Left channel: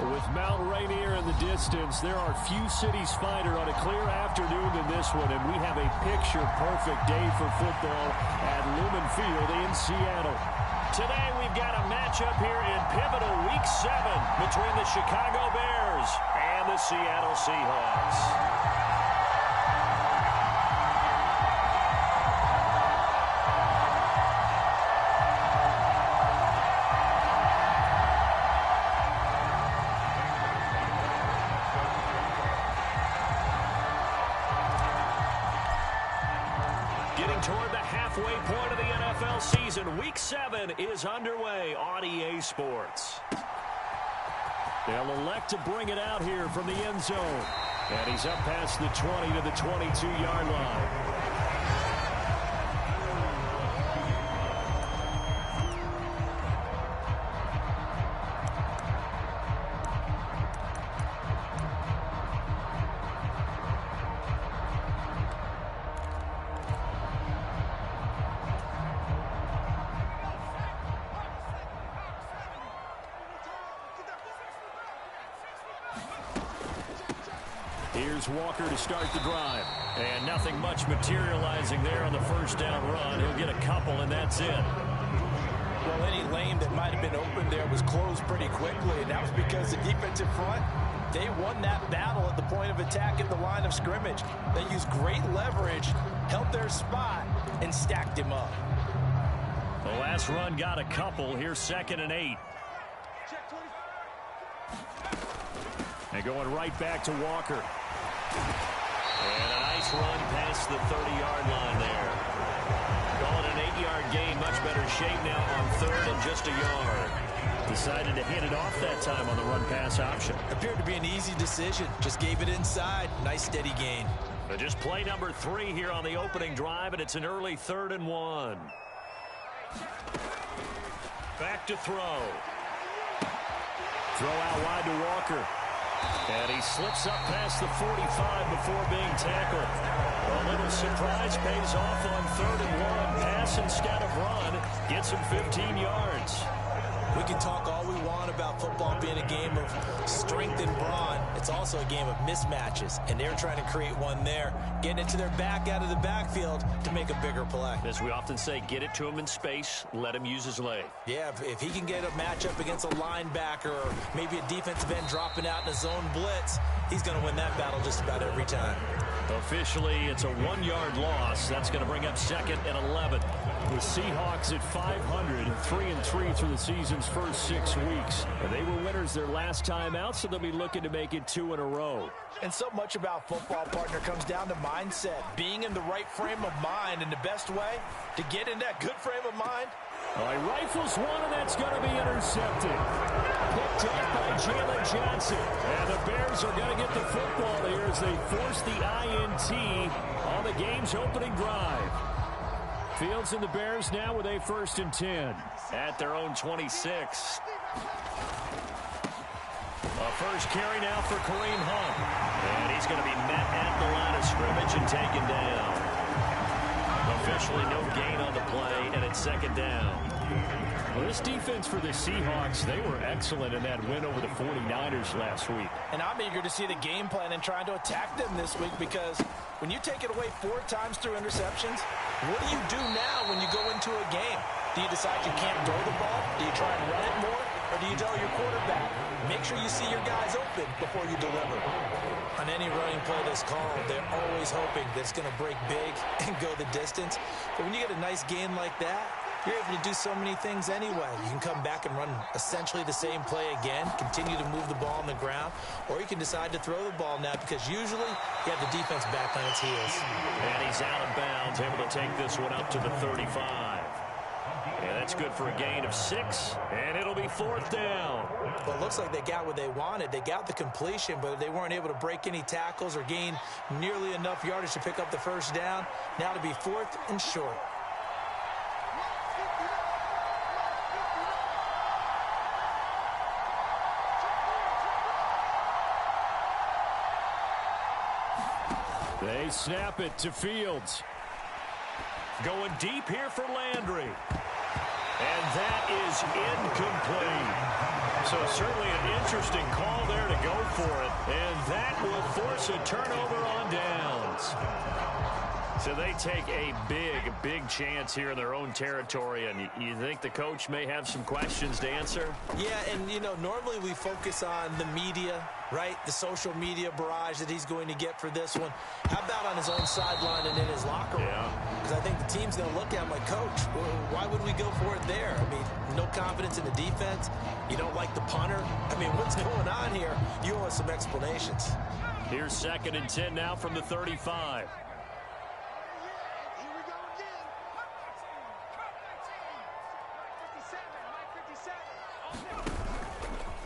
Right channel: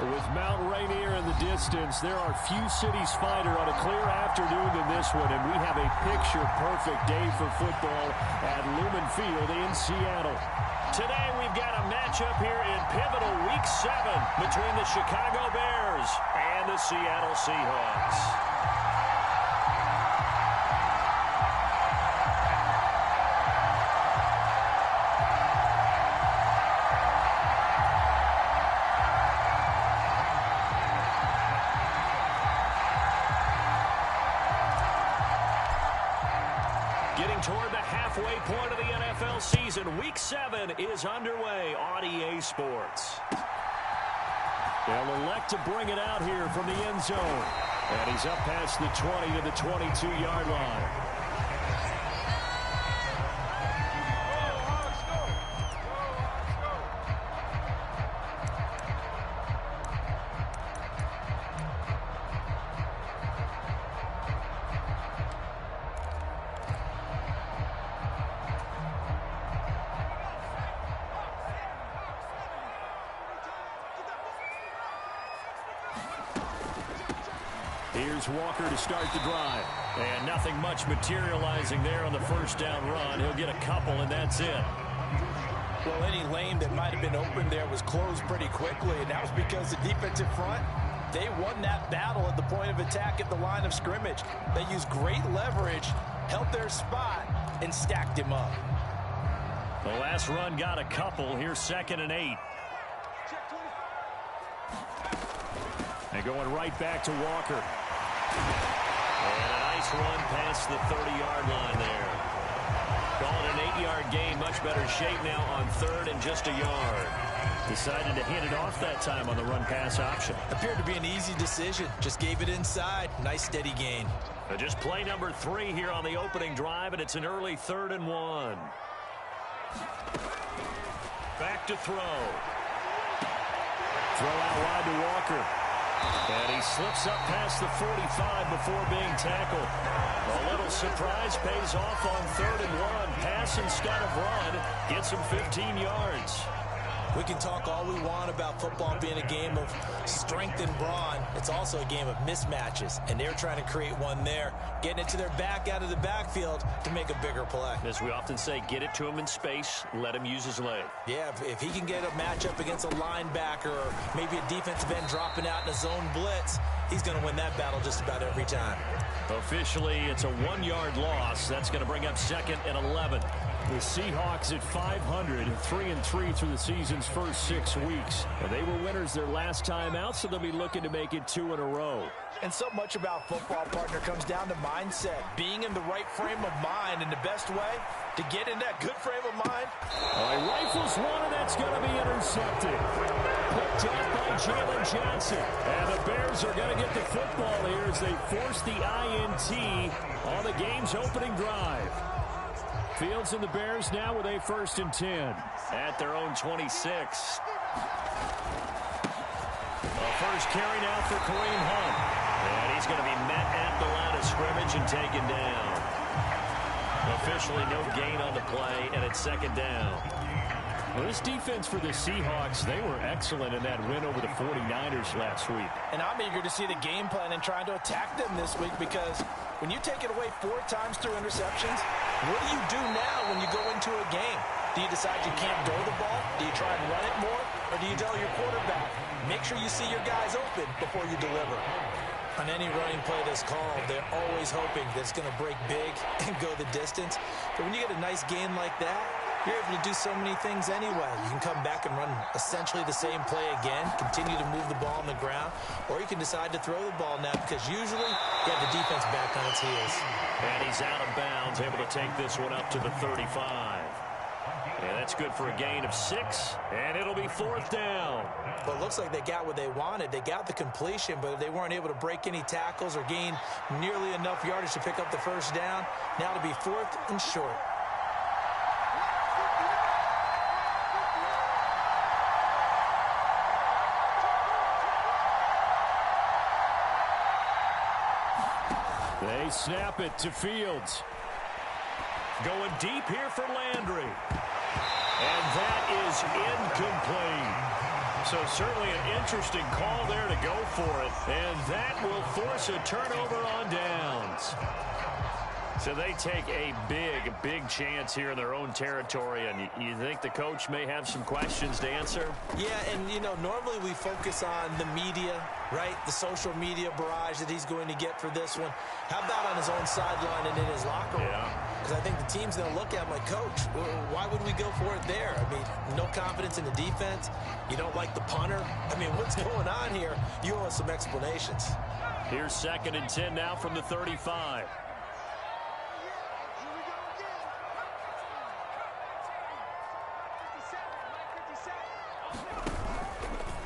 With Mount Rainier in the distance, there are few cities finer on a clear afternoon than this one, and we have a picture-perfect day for football at Lumen Field in Seattle. Today we've got a matchup here in pivotal Week 7 between the Chicago Bears and the Seattle Seahawks. Getting toward the halfway point of the NFL season, Week 7 is underway on EA Sports. They'll elect to bring it out here from the end zone. And he's up past the 20 to the 22-yard line. Here's Walker to start the drive. And nothing much materializing there on the first down run. He'll get a couple, and that's it. Well, any lane that might have been open there was closed pretty quickly, and that was because the defensive front, they won that battle at the point of attack at the line of scrimmage. They used great leverage, held their spot, and stacked him up. The last run got a couple. Here's 2nd and 8. And going right back to Walker. And a nice run past the 30-yard line there. Calling an 8-yard gain. Much better shape now on 3rd and just a yard. Decided to hand it off that time on the run-pass option. Appeared to be an easy decision. Just gave it inside. Nice steady gain. Just play number 3 here on the opening drive, and it's an early 3rd and 1. Back to throw. Throw out wide to Walker. And he slips up past the 45 before being tackled. A little surprise pays off on 3rd and 1. Pass instead of run. Gets him 15 yards. We can talk all we want about football being a game of strength and brawn. It's also a game of mismatches, and they're trying to create one there, getting it to their back out of the backfield to make a bigger play. As we often say, get it to him in space, let him use his leg. Yeah, if he can get a matchup against a linebacker or maybe a defensive end dropping out in a zone blitz, he's going to win that battle just about every time. Officially, it's a 1-yard loss. That's going to bring up 2nd and 11. The Seahawks at 500, 3-3 through the season's first 6 weeks. And they were winners their last time out, so they'll be looking to make it 2 in a row. And so much about football, partner, comes down to mindset. Being in the right frame of mind, and the best way to get in that good frame of mind. He rifles one, and that's going to be intercepted. Picked off by Jalen Johnson. And the Bears are going to get the football here as they force the INT on the game's opening drive. Fields and the Bears now with a 1st and 10 at their own 26. A first carry now for Kareem Hunt. And he's going to be met at the line of scrimmage and taken down. Officially no gain on the play, and it's 2nd down. Well, this defense for the Seahawks, they were excellent in that win over the 49ers last week. And I'm eager to see the game plan and trying to attack them this week, because when you take it away 4 times through interceptions, what do you do now when you go into a game? Do you decide you can't throw the ball? Do you try and run it more? Or do you tell your quarterback, make sure you see your guys open before you deliver? On any running play that's called, they're always hoping that it's going to break big and go the distance. But when you get a nice gain like that, you're able to do so many things anyway. You can come back and run essentially the same play again, continue to move the ball on the ground, or you can decide to throw the ball now, because usually you have the defense back on its heels. And he's out of bounds, able to take this one up to the 35. And that's good for a gain of 6, and it'll be 4th down. Well, it looks like they got what they wanted. They got the completion, but they weren't able to break any tackles or gain nearly enough yardage to pick up the first down. Now to be 4th and short. They snap it to Fields. Going deep here for Landry. And that is incomplete. So certainly an interesting call there to go for it. And that will force a turnover on downs. So they take a big chance here in their own territory. And you think the coach may have some questions to answer? Yeah, and, you know, normally we focus on the media, right? The social media barrage that he's going to get for this one. How about on his own sideline and in his locker room? Because I think the team's going to look at him like, Coach, why would we go for it there? I mean, no confidence in the defense. You don't like the punter. I mean, what's going on here? You owe us some explanations. Here's 2nd and 10 now from the 35.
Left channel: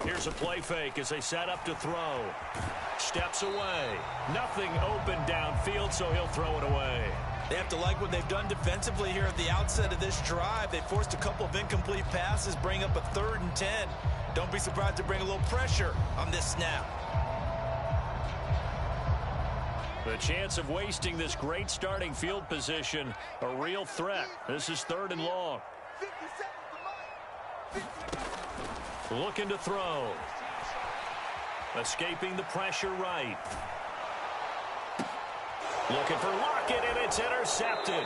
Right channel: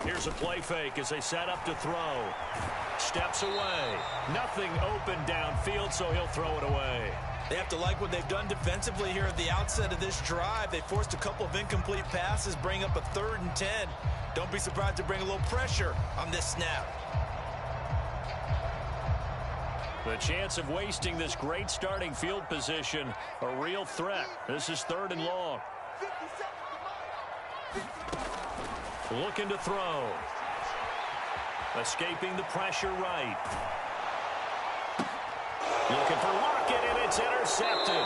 Here's a play fake as they set up to throw. Steps away. Nothing open downfield, so he'll throw it away. They have to like what they've done defensively here at the outset of this drive. They forced a couple of incomplete passes, bring up a 3rd and 10. Don't be surprised to bring a little pressure on this snap. The chance of wasting this great starting field position, a real threat. This is 3rd and long. Looking to throw. Escaping the pressure right. Looking for Lockett, and it's intercepted.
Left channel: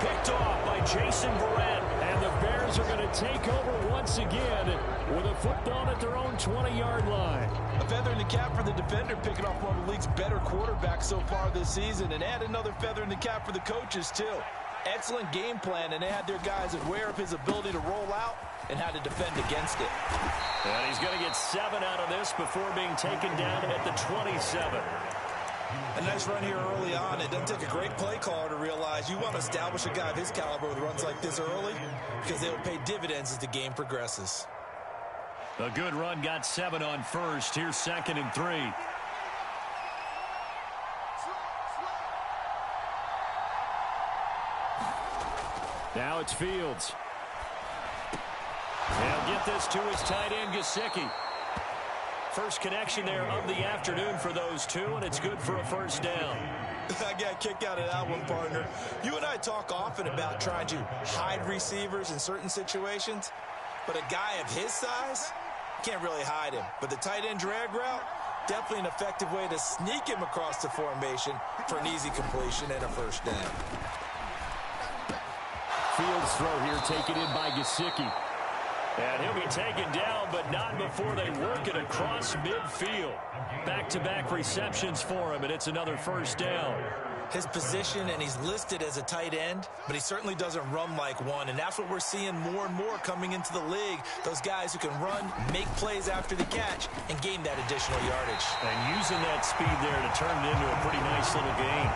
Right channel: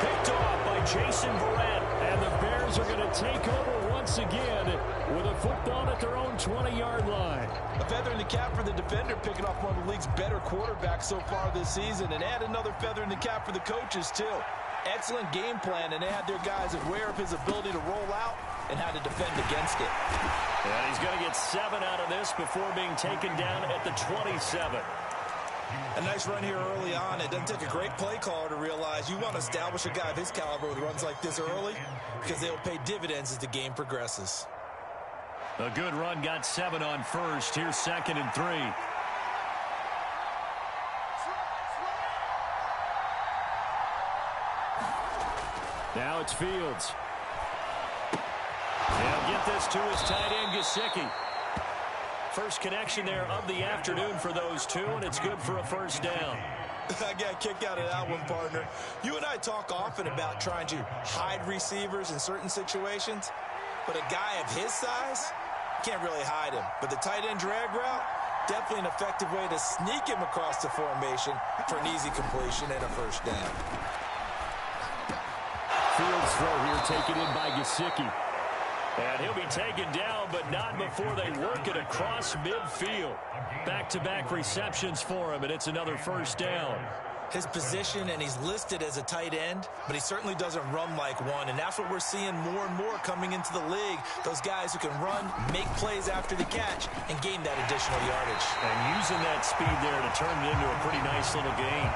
Picked off by Jason Verrett. And the Bears are going to take over once again with a football at their own 20-yard line. A feather in the cap for the defender, picking off one of the league's better quarterbacks so far this season. And add another feather in the cap for the coaches, too. Excellent game plan, and they had their guys aware of his ability to roll out and how to defend against it. And he's going to get 7 out of this before being taken down at the 27. A nice run here early on. It doesn't take a great play caller to realize you want to establish a guy of his caliber with runs like this early because they will pay dividends as the game progresses. A good run, got 7 on first. Here's 2nd and 3. Now it's Fields. He'll get this to his tight end, GAsFinest's. First connection there of the afternoon for those two, and it's good for a first down. I got a kick out of that one, partner. You and I talk often about trying to hide receivers in certain situations, but a guy of his size can't really hide him. But the tight end drag route, definitely an effective way to sneak him across the formation for an easy completion and a first down. Fields throw here taken in by GAsFinest's. And he'll be taken down, but not before they work it across midfield. Back-to-back receptions for him, and it's another first down. His position, and he's listed as a tight end, but he certainly doesn't run like one, and that's what we're seeing more and more coming into the league. Those guys who can run, make plays after the catch, and gain that additional yardage. And using that speed there to turn it into a pretty nice little gain.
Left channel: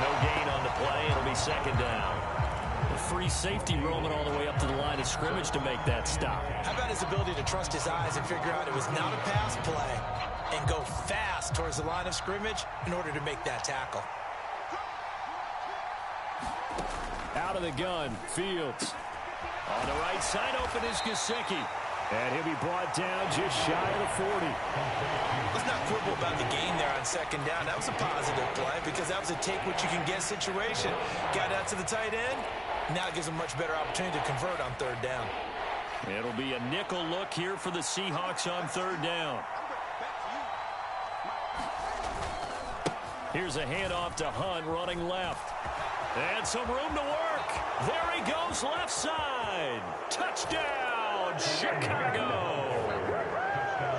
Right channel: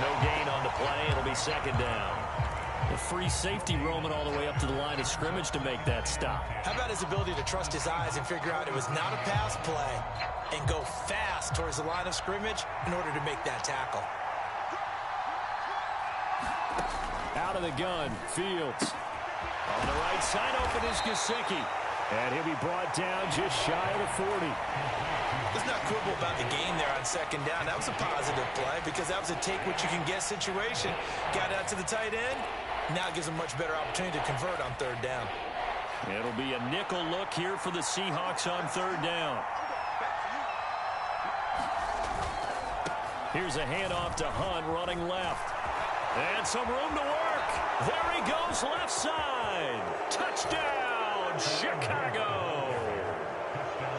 No gain on the play. It'll be 2nd down. A free safety roaming all the way up to the line of scrimmage to make that stop. How about his ability to trust his eyes and figure out it was not a pass play and go fast towards the line of scrimmage in order to make that tackle. Out of the gun, Fields. On the right side, open is GAsFinest's. And he'll be brought down just shy of the 40. Let's not quibble about the gain there on 2nd down. That was a positive play because that was a take-what-you-can-get situation. Got out to the tight end. Now it gives them a much better opportunity to convert on 3rd down. It'll be a nickel look here for the Seahawks on 3rd down. Here's a handoff to Hunt running left. And some room to work. There he goes left side. Touchdown, Chicago.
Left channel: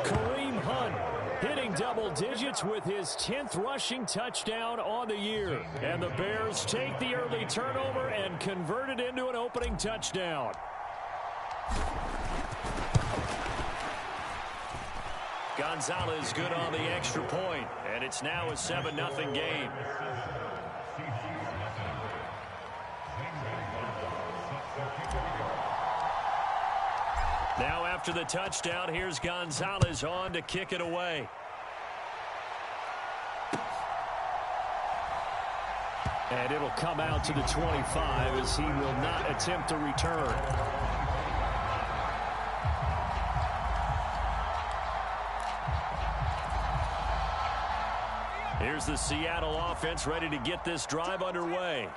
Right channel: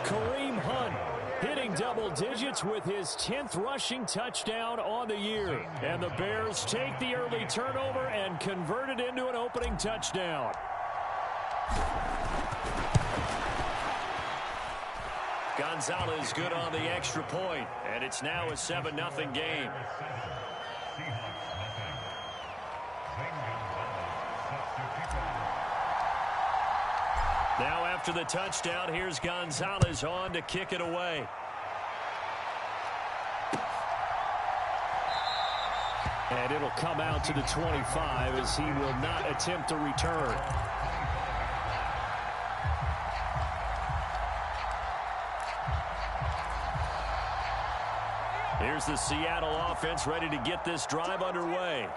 Kareem Hunt hitting double digits with his 10th rushing touchdown on the year. And the Bears take the early turnover and convert it into an opening touchdown. Gonzalez good on the extra point, and it's now a 7-0 game. Now after the touchdown, here's Gonzalez on to kick it away. And it'll come out to the 25 as he will not attempt to return. Here's the Seattle offense ready to get this drive underway.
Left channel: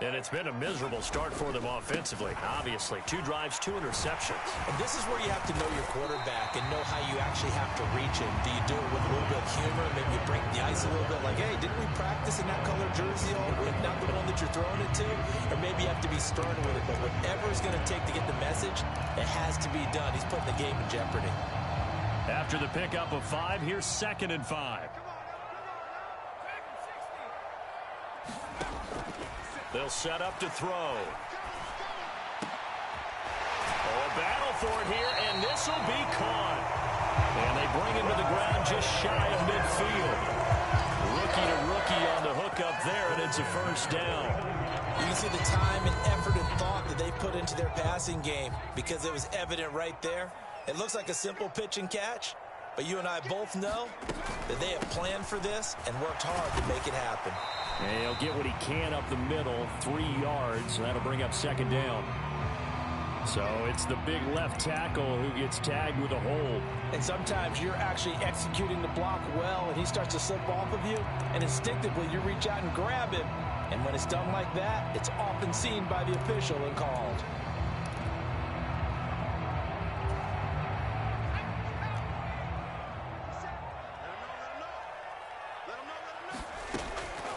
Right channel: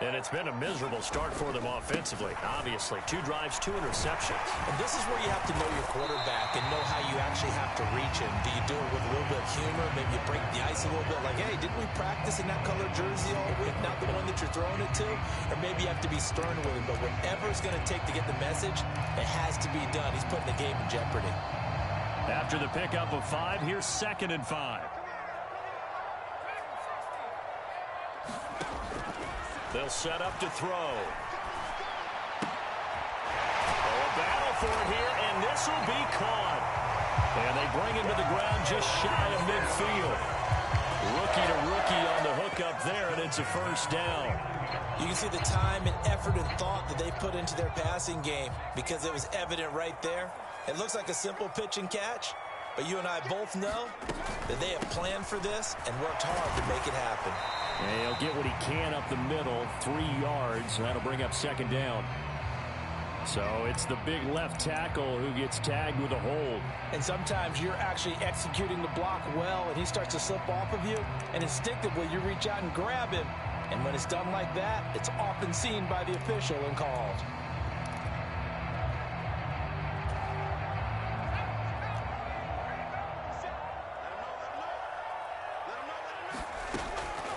And it's been a miserable start for them offensively. Obviously, 2 drives, 2 interceptions. And this is where you have to know your quarterback and know how you actually have to reach him. Do you do it with a little bit of humor? Maybe you break the ice a little bit like, hey, didn't we practice in that color jersey all week? Not the one that you're throwing it to? Or maybe you have to be stern with him. But whatever it's going to take to get the message, it has to be done. He's putting the game in jeopardy. After the pickup of 5, here's 2nd and 5. They'll set up to throw. Oh, a battle for it here, and this will be caught. And they bring him to the ground just shy of midfield. Rookie to rookie on the hook up there, and it's a first down. You can see the time and effort and thought that they put into their passing game because it was evident right there. It looks like a simple pitch and catch, but you and I both know that they have planned for this and worked hard to make it happen. And he'll get what he can up the middle, 3 yards. That'll bring up 2nd down. So it's the big left tackle who gets tagged with a hold. And sometimes you're actually executing the block well, and he starts to slip off of you, and instinctively you reach out and grab him. And when it's done like that, it's often seen by the official and called.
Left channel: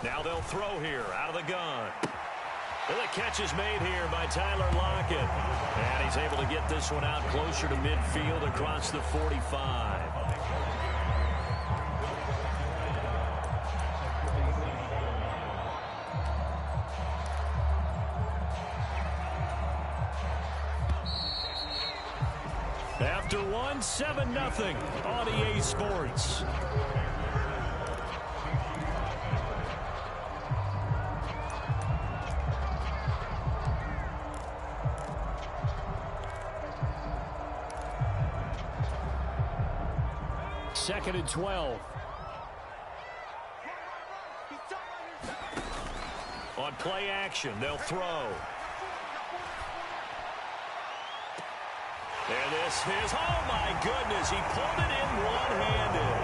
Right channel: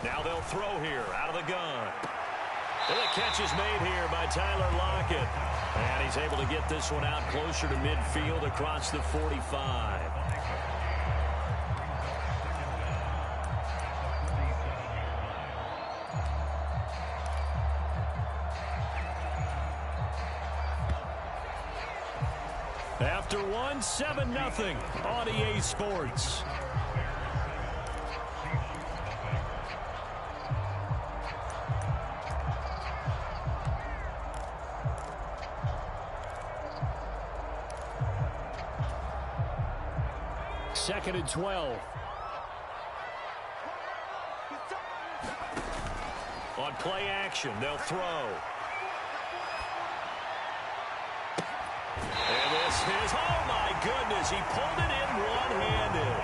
Now they'll throw here out of the gun. And the catch is made here by Tyler Lockett. And he's able to get this one out closer to midfield across the 45. After 1, 7-0 on EA Sports. Second and 12. On play action, they'll throw. And this is, oh my goodness, he pulled it in one-handed.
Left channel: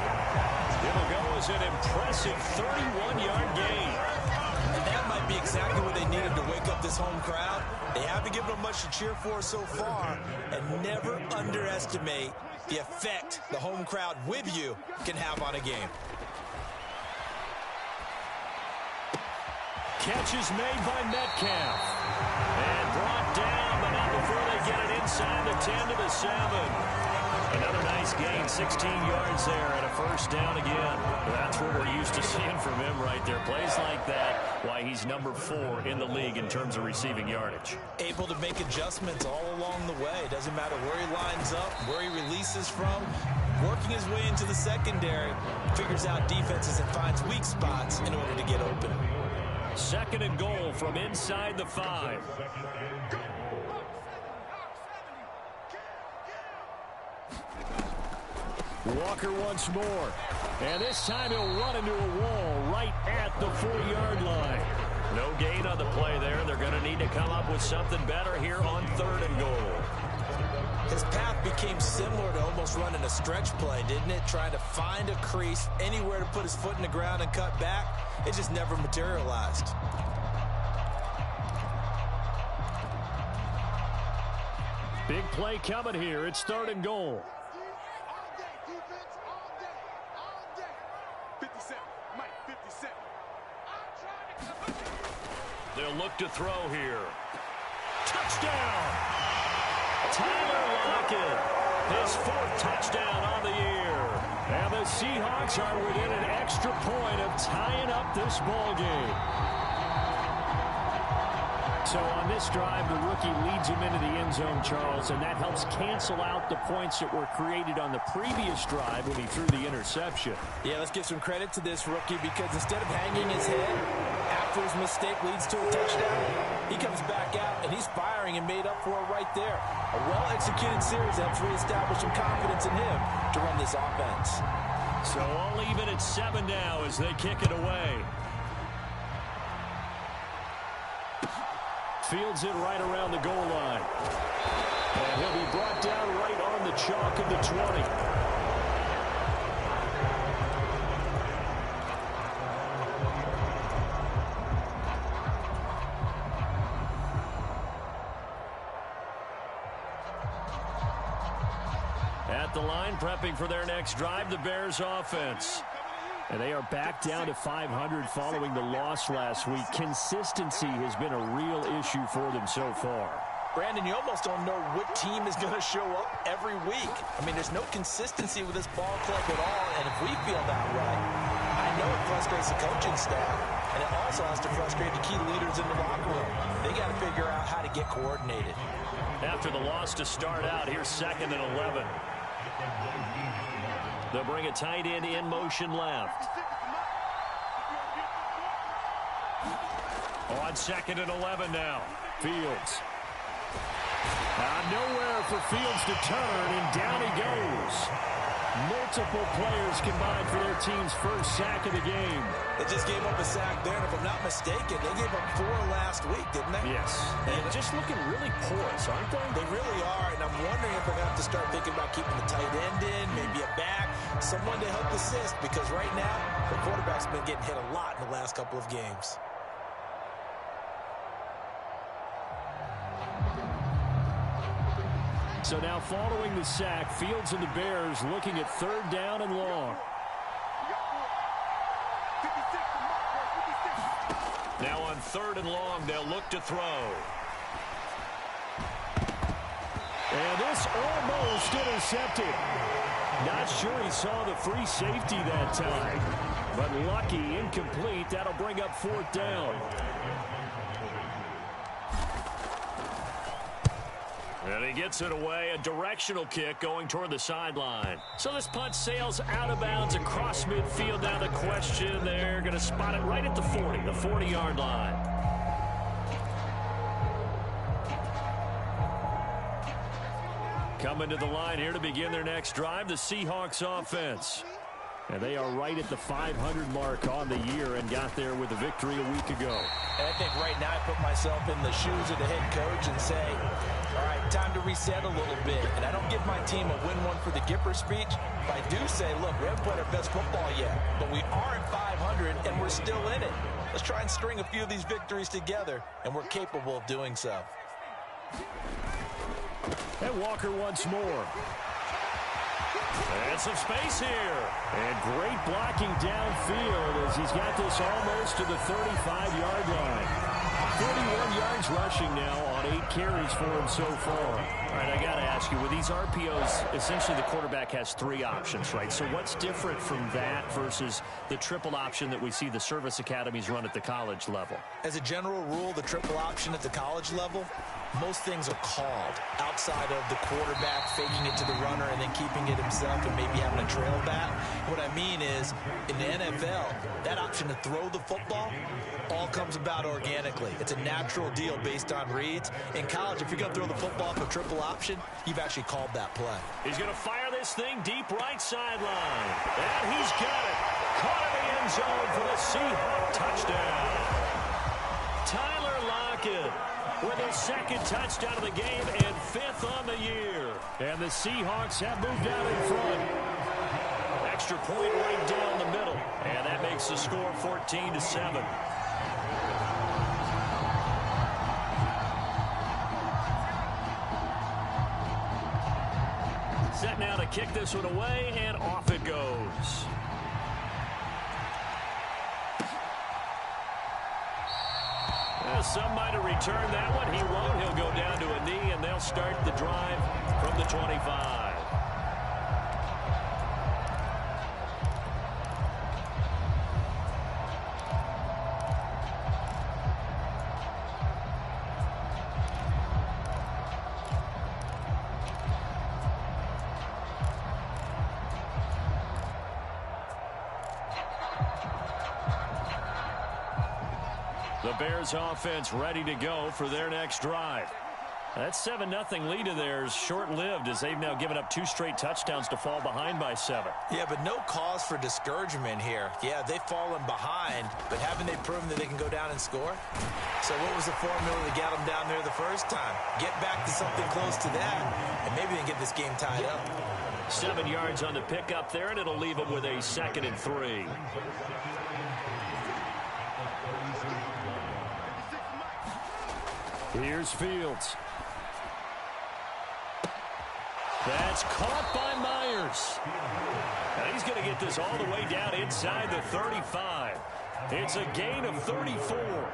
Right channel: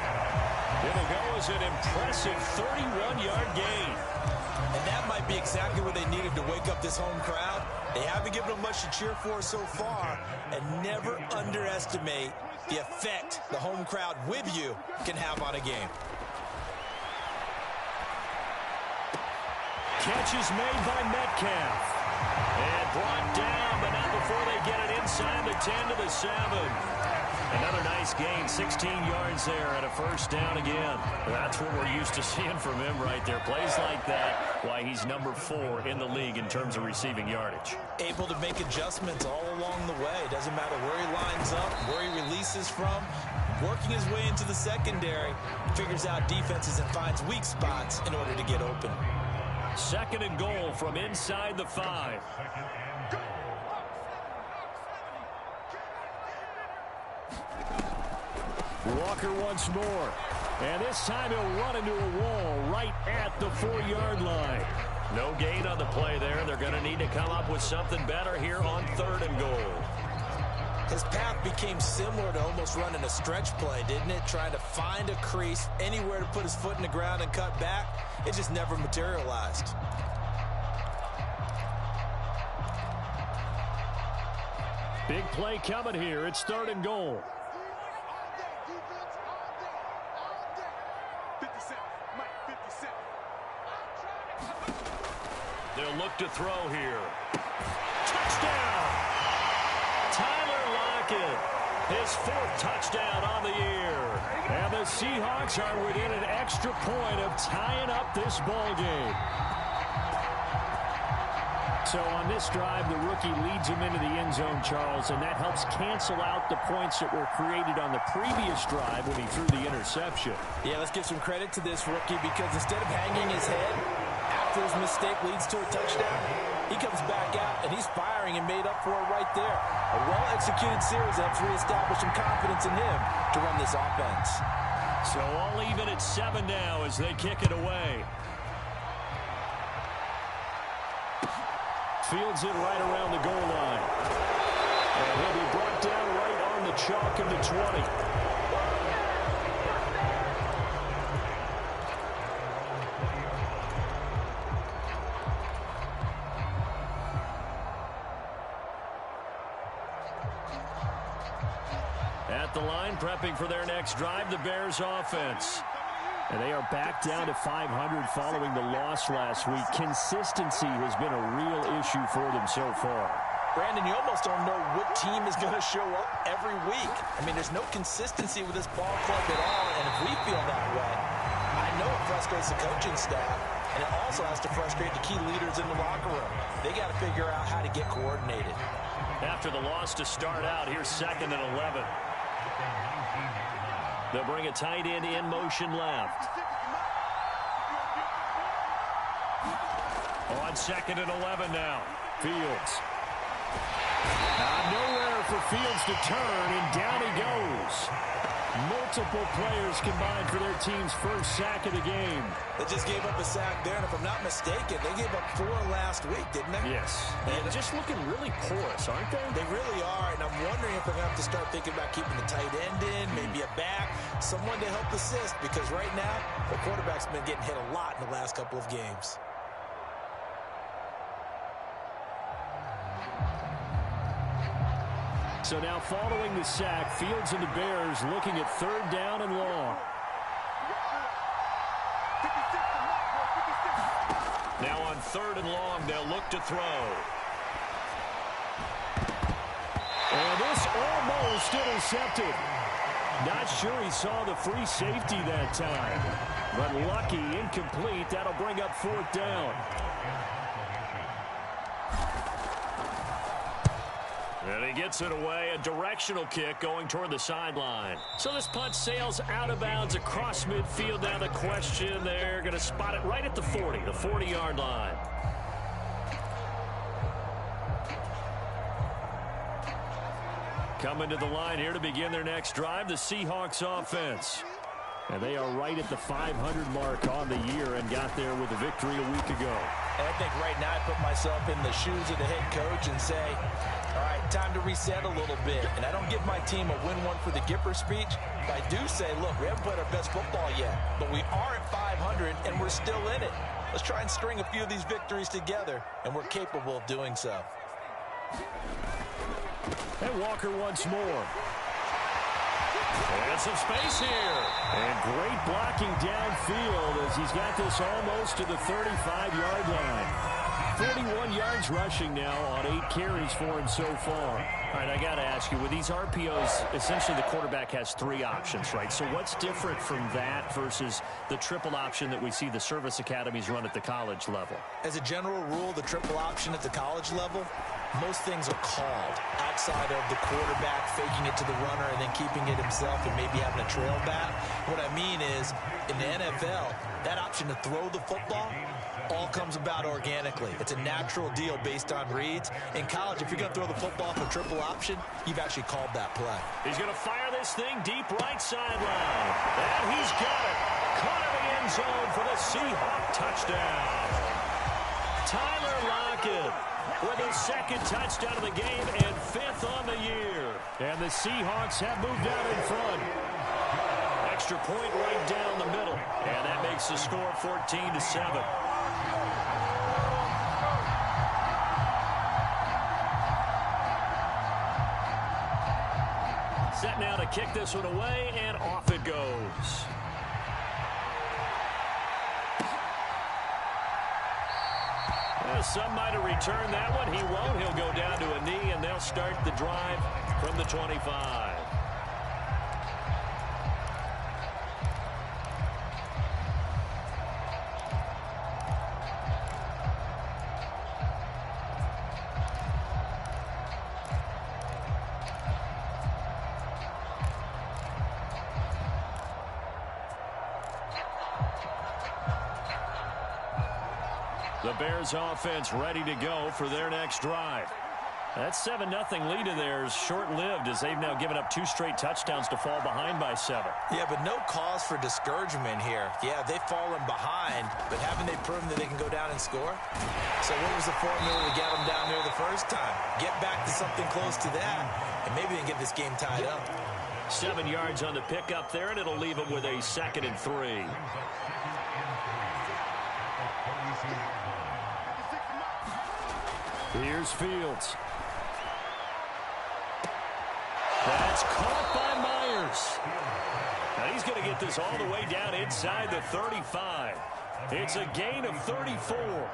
It'll go as an impressive 31-yard gain. And that might be exactly what they needed to wake up this home crowd. They haven't given them much to cheer for so far, and never underestimate the effect the home crowd with you can have on a game. Catch is made by Metcalf. And brought down, but not before they get it inside the 10 to the 7. Another nice gain, 16 yards there, and a first down again. That's what we're used to seeing from him right there. Plays like that, why he's number 4 in the league in terms of receiving yardage. Able to make adjustments all along the way. Doesn't matter where he lines up, where he releases from. Working his way into the secondary, figures out defenses and finds weak spots in order to get open. 2nd and goal from inside the 5. Walker once more. And this time he'll run into a wall right at the 4-yard line. No gain on the play there. They're going to need to come up with something better here on 3rd and goal. His path became similar to almost running a stretch play, didn't it? Trying to find a crease, anywhere to put his foot in the ground and cut back. It just never materialized. Big play coming here. It's 3rd and goal. 57, Mike, 57. They'll look to throw here. Touchdown! Tyler Lockett, his 4th touchdown on the year. And the Seahawks are within an extra point of tying up this ball game. So on this drive, the rookie leads him into the end zone, Charles, and that helps cancel out the points that were created on the previous drive when he threw the interception. Yeah, let's give some credit to this rookie because instead of hanging his head after his mistake leads to a touchdown, he comes back out and he's firing and made up for it right there. A well-executed series helps reestablish some confidence in him to run this offense. So all even at 7 now as they kick it away. Fields it right around the goal line. And he'll be brought down right on the chalk of the 20. the line, prepping for their next drive, the Bears offense. And they are back down to 500 following the loss last week. Consistency has been a real issue for them so far. Brandon, you almost don't know what team is going to show up every week. I mean, there's no consistency with this ball club at all, and if we feel that way, I know it frustrates the coaching staff, and it also has to frustrate the key leaders in the locker room. They got to figure out how to get coordinated. After the loss to start out, here's 2nd and 11. They'll bring a tight end in motion left. On 2nd and 11 now, Fields. Nowhere for Fields to turn, and down he goes. Multiple players combined for their team's first sack of the game. They just gave up a sack there, and if I'm not mistaken, they gave up 4 last week, didn't they? Yes. And just looking really porous, aren't they? They really are, and I'm wondering if they're going to have to start thinking about keeping the tight end in, maybe a back, someone to help assist, because right now, their quarterback's been getting hit a lot in the last couple of games. So now following the sack, Fields and the Bears looking at 3rd down and long. Now on 3rd and long, they'll look to throw. And this almost intercepted. Not sure he saw the free safety that time. But lucky, incomplete. That'll bring up 4th down. And he gets it away, a directional kick going toward the sideline. So this punt sails out of bounds across midfield. Now the question, they're going to spot it right at the 40, the 40-yard line. Coming to the line here to begin their next drive, the Seahawks offense. And they are right at the 500 mark on the year and got there with a victory a week ago. And I think right now I put myself in the shoes of the head coach and say, all right, time to reset a little bit. And I don't give my team a win one for the Gipper speech, but I do say, look, we haven't played our best football yet, but we are at 500 and we're still in it. Let's try and string a few of these victories together, and we're capable of doing so. And Walker once more. And some space here. And great blocking downfield as he's got this almost to the 35-yard line. 41 yards rushing now on 8 carries for him so far. All right, I got to ask you, with these RPOs, essentially the quarterback has 3 options, right? So what's different from that versus the triple option that we see the service academies run at the college level? As a general rule, the triple option at the college level, most things are called outside of the quarterback faking it to the runner and then keeping it himself and maybe having a trail back. What I mean is, in the NFL, that option to throw the football all comes about organically. It's a natural deal based on reads. In college, if you're going to throw the football for triple option, you've actually called that play. He's going to fire this thing deep right sideline. And he's got it. Caught in the end zone for the Seahawk touchdown. Tyler Lockett with his 2nd touchdown of the game and 5th on the year. And the Seahawks have moved out in front. Extra point right down the middle. And that makes the score 14-7. Set now to kick this one away, and off it goes. Well, some might have returned that one. He won't. He'll go down to a knee, and they'll start the drive from the 25. The Bears offense ready to go for their next drive. That 7-0 lead of theirs short-lived as they've now given up 2 straight touchdowns to fall behind by 7. Yeah, but no cause for discouragement here. Yeah, they've fallen behind, but haven't they proven that they can go down and score? So what was the formula to get them down there the first time? Get back to something close to that, and maybe they can get this game tied up. 7 yards on the pickup there, and it'll leave them with a 2nd and 3. Here's Fields. That's caught by Myers. Now he's going to get this all the way down inside the 35. It's a gain of 34.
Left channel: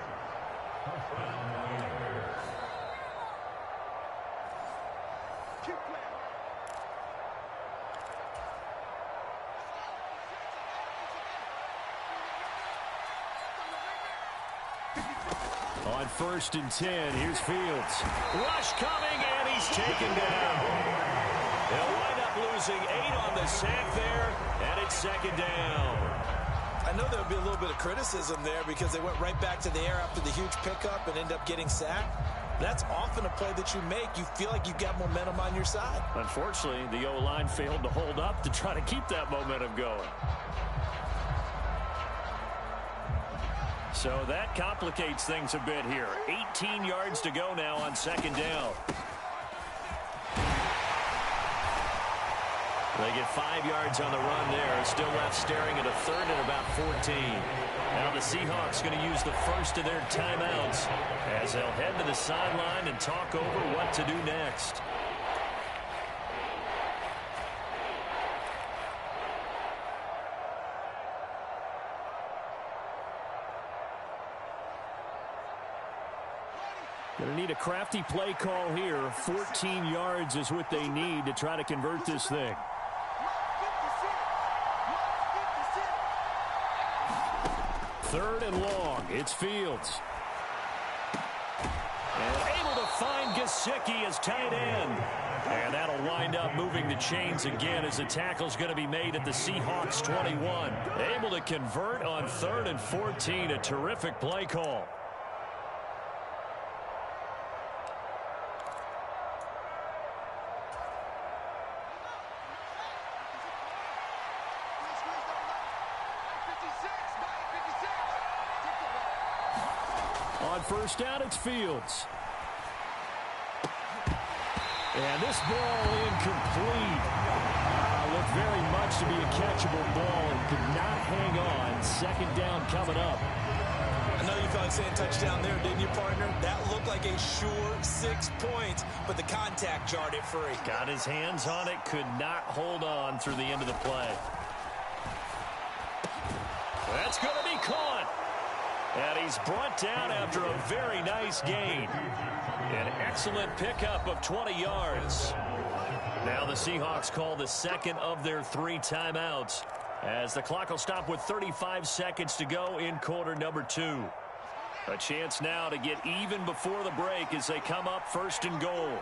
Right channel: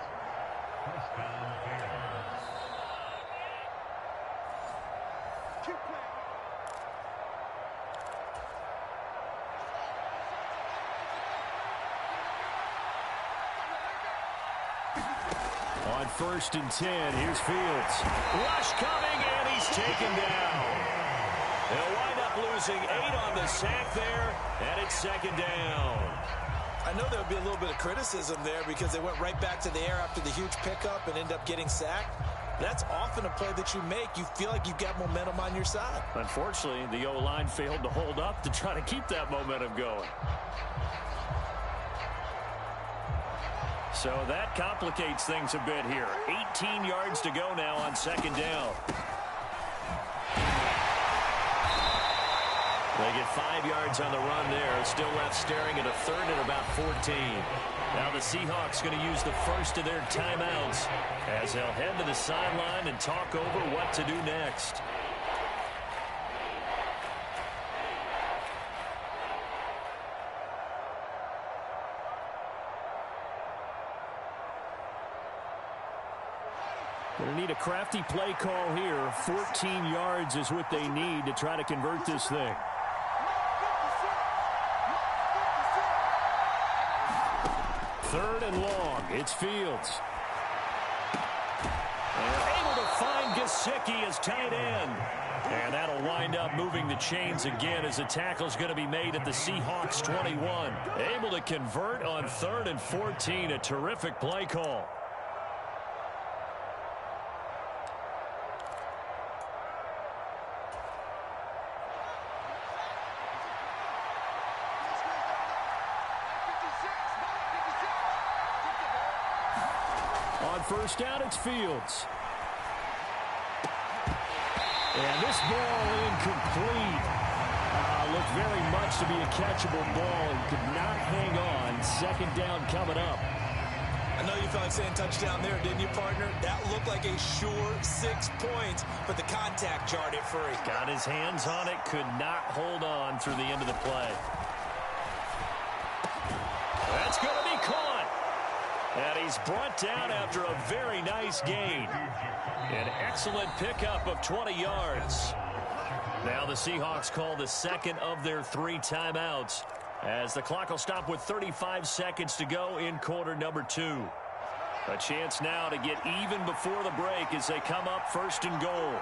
On 1st and 10, here's Fields. Rush coming, and he's taken down. They'll wind up losing 8 on the sack there, and it's 2nd down. I know there'll be a little bit of criticism there because they went right back to the air after the huge pickup and ended up getting sacked. That's often a play that you make. You feel like you've got momentum on your side. Unfortunately, the O-line failed to hold up to try to keep that momentum going. So that complicates things a bit here. 18 yards to go now on 2nd down. They get 5 yards on the run there. Still left staring at a 3rd and about 14. Now the Seahawks going to use the first of their timeouts as they'll head to the sideline and talk over what to do next. Going to need a crafty play call here. 14 yards is what they need to try to convert this thing. Third and long. It's Fields. And able to find Gesicki as tight end. And that'll wind up moving the chains again as the tackle's going to be made at the Seahawks 21. Able to convert on 3rd and 14. A terrific play call. On 1st down, it's Fields. And this ball incomplete. Looked very much to be a catchable ball and could not hang on. 2nd down coming up. I know you felt like saying touchdown there, didn't you, partner? That looked like a sure 6 points, but the contact jarred it free. Got his hands on it, could not hold on through the end of the play. That's going to be caught. And he's brought down after a very nice gain. An excellent pickup of 20 yards. Now the Seahawks call the 2nd of their 3 timeouts as the clock will stop with 35 seconds to go in quarter number 2. A chance now to get even before the break as they come up 1st and goal.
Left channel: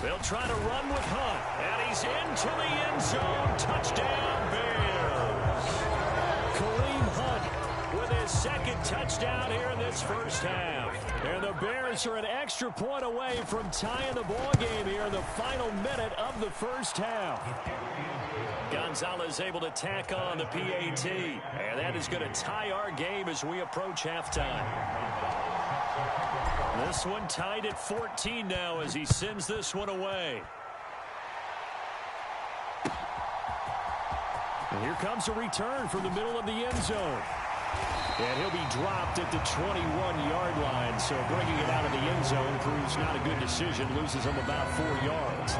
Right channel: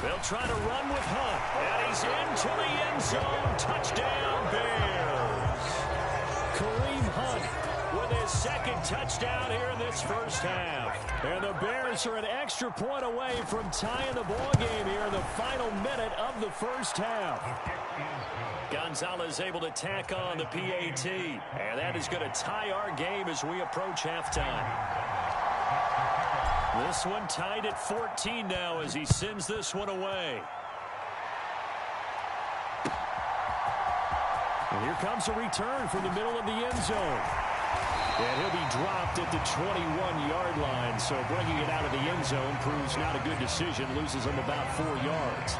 They'll try to run with Hunt, and he's into the end zone. Touchdown, Bears. Kareem Hunt with his 2nd touchdown here in this first half. And the Bears are an extra point away from tying the ball game here in the final minute of the first half. Gonzalez able to tack on the PAT, and that is going to tie our game as we approach halftime. This one tied at 14 now as he sends this one away. And here comes a return from the middle of the end zone. And he'll be dropped at the 21-yard line, so bringing it out of the end zone proves not a good decision, loses him about 4 yards.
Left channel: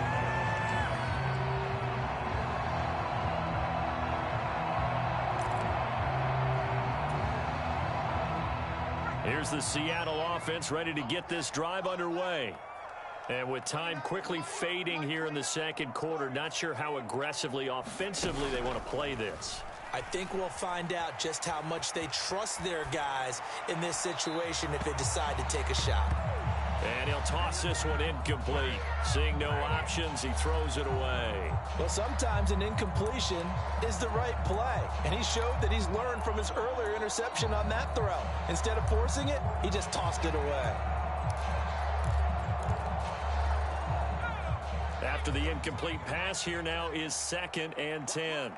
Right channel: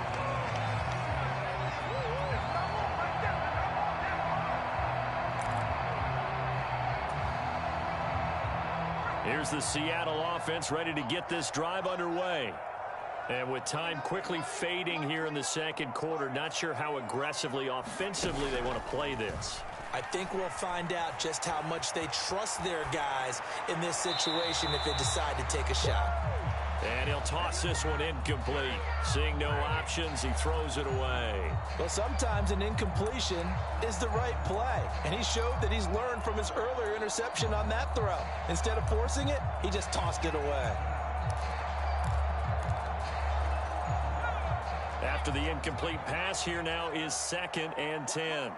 Here's the Seattle offense ready to get this drive underway. And with time quickly fading here in the 2nd quarter, not sure how aggressively, offensively they want to play this. I think we'll find out just how much they trust their guys in this situation if they decide to take a shot. And he'll toss this one incomplete. Seeing no options, he throws it away. Well, sometimes an incompletion is the right play. And he showed that he's learned from his earlier interception on that throw. Instead of forcing it, he just tossed it away. After the incomplete pass, here now is 2nd and 10.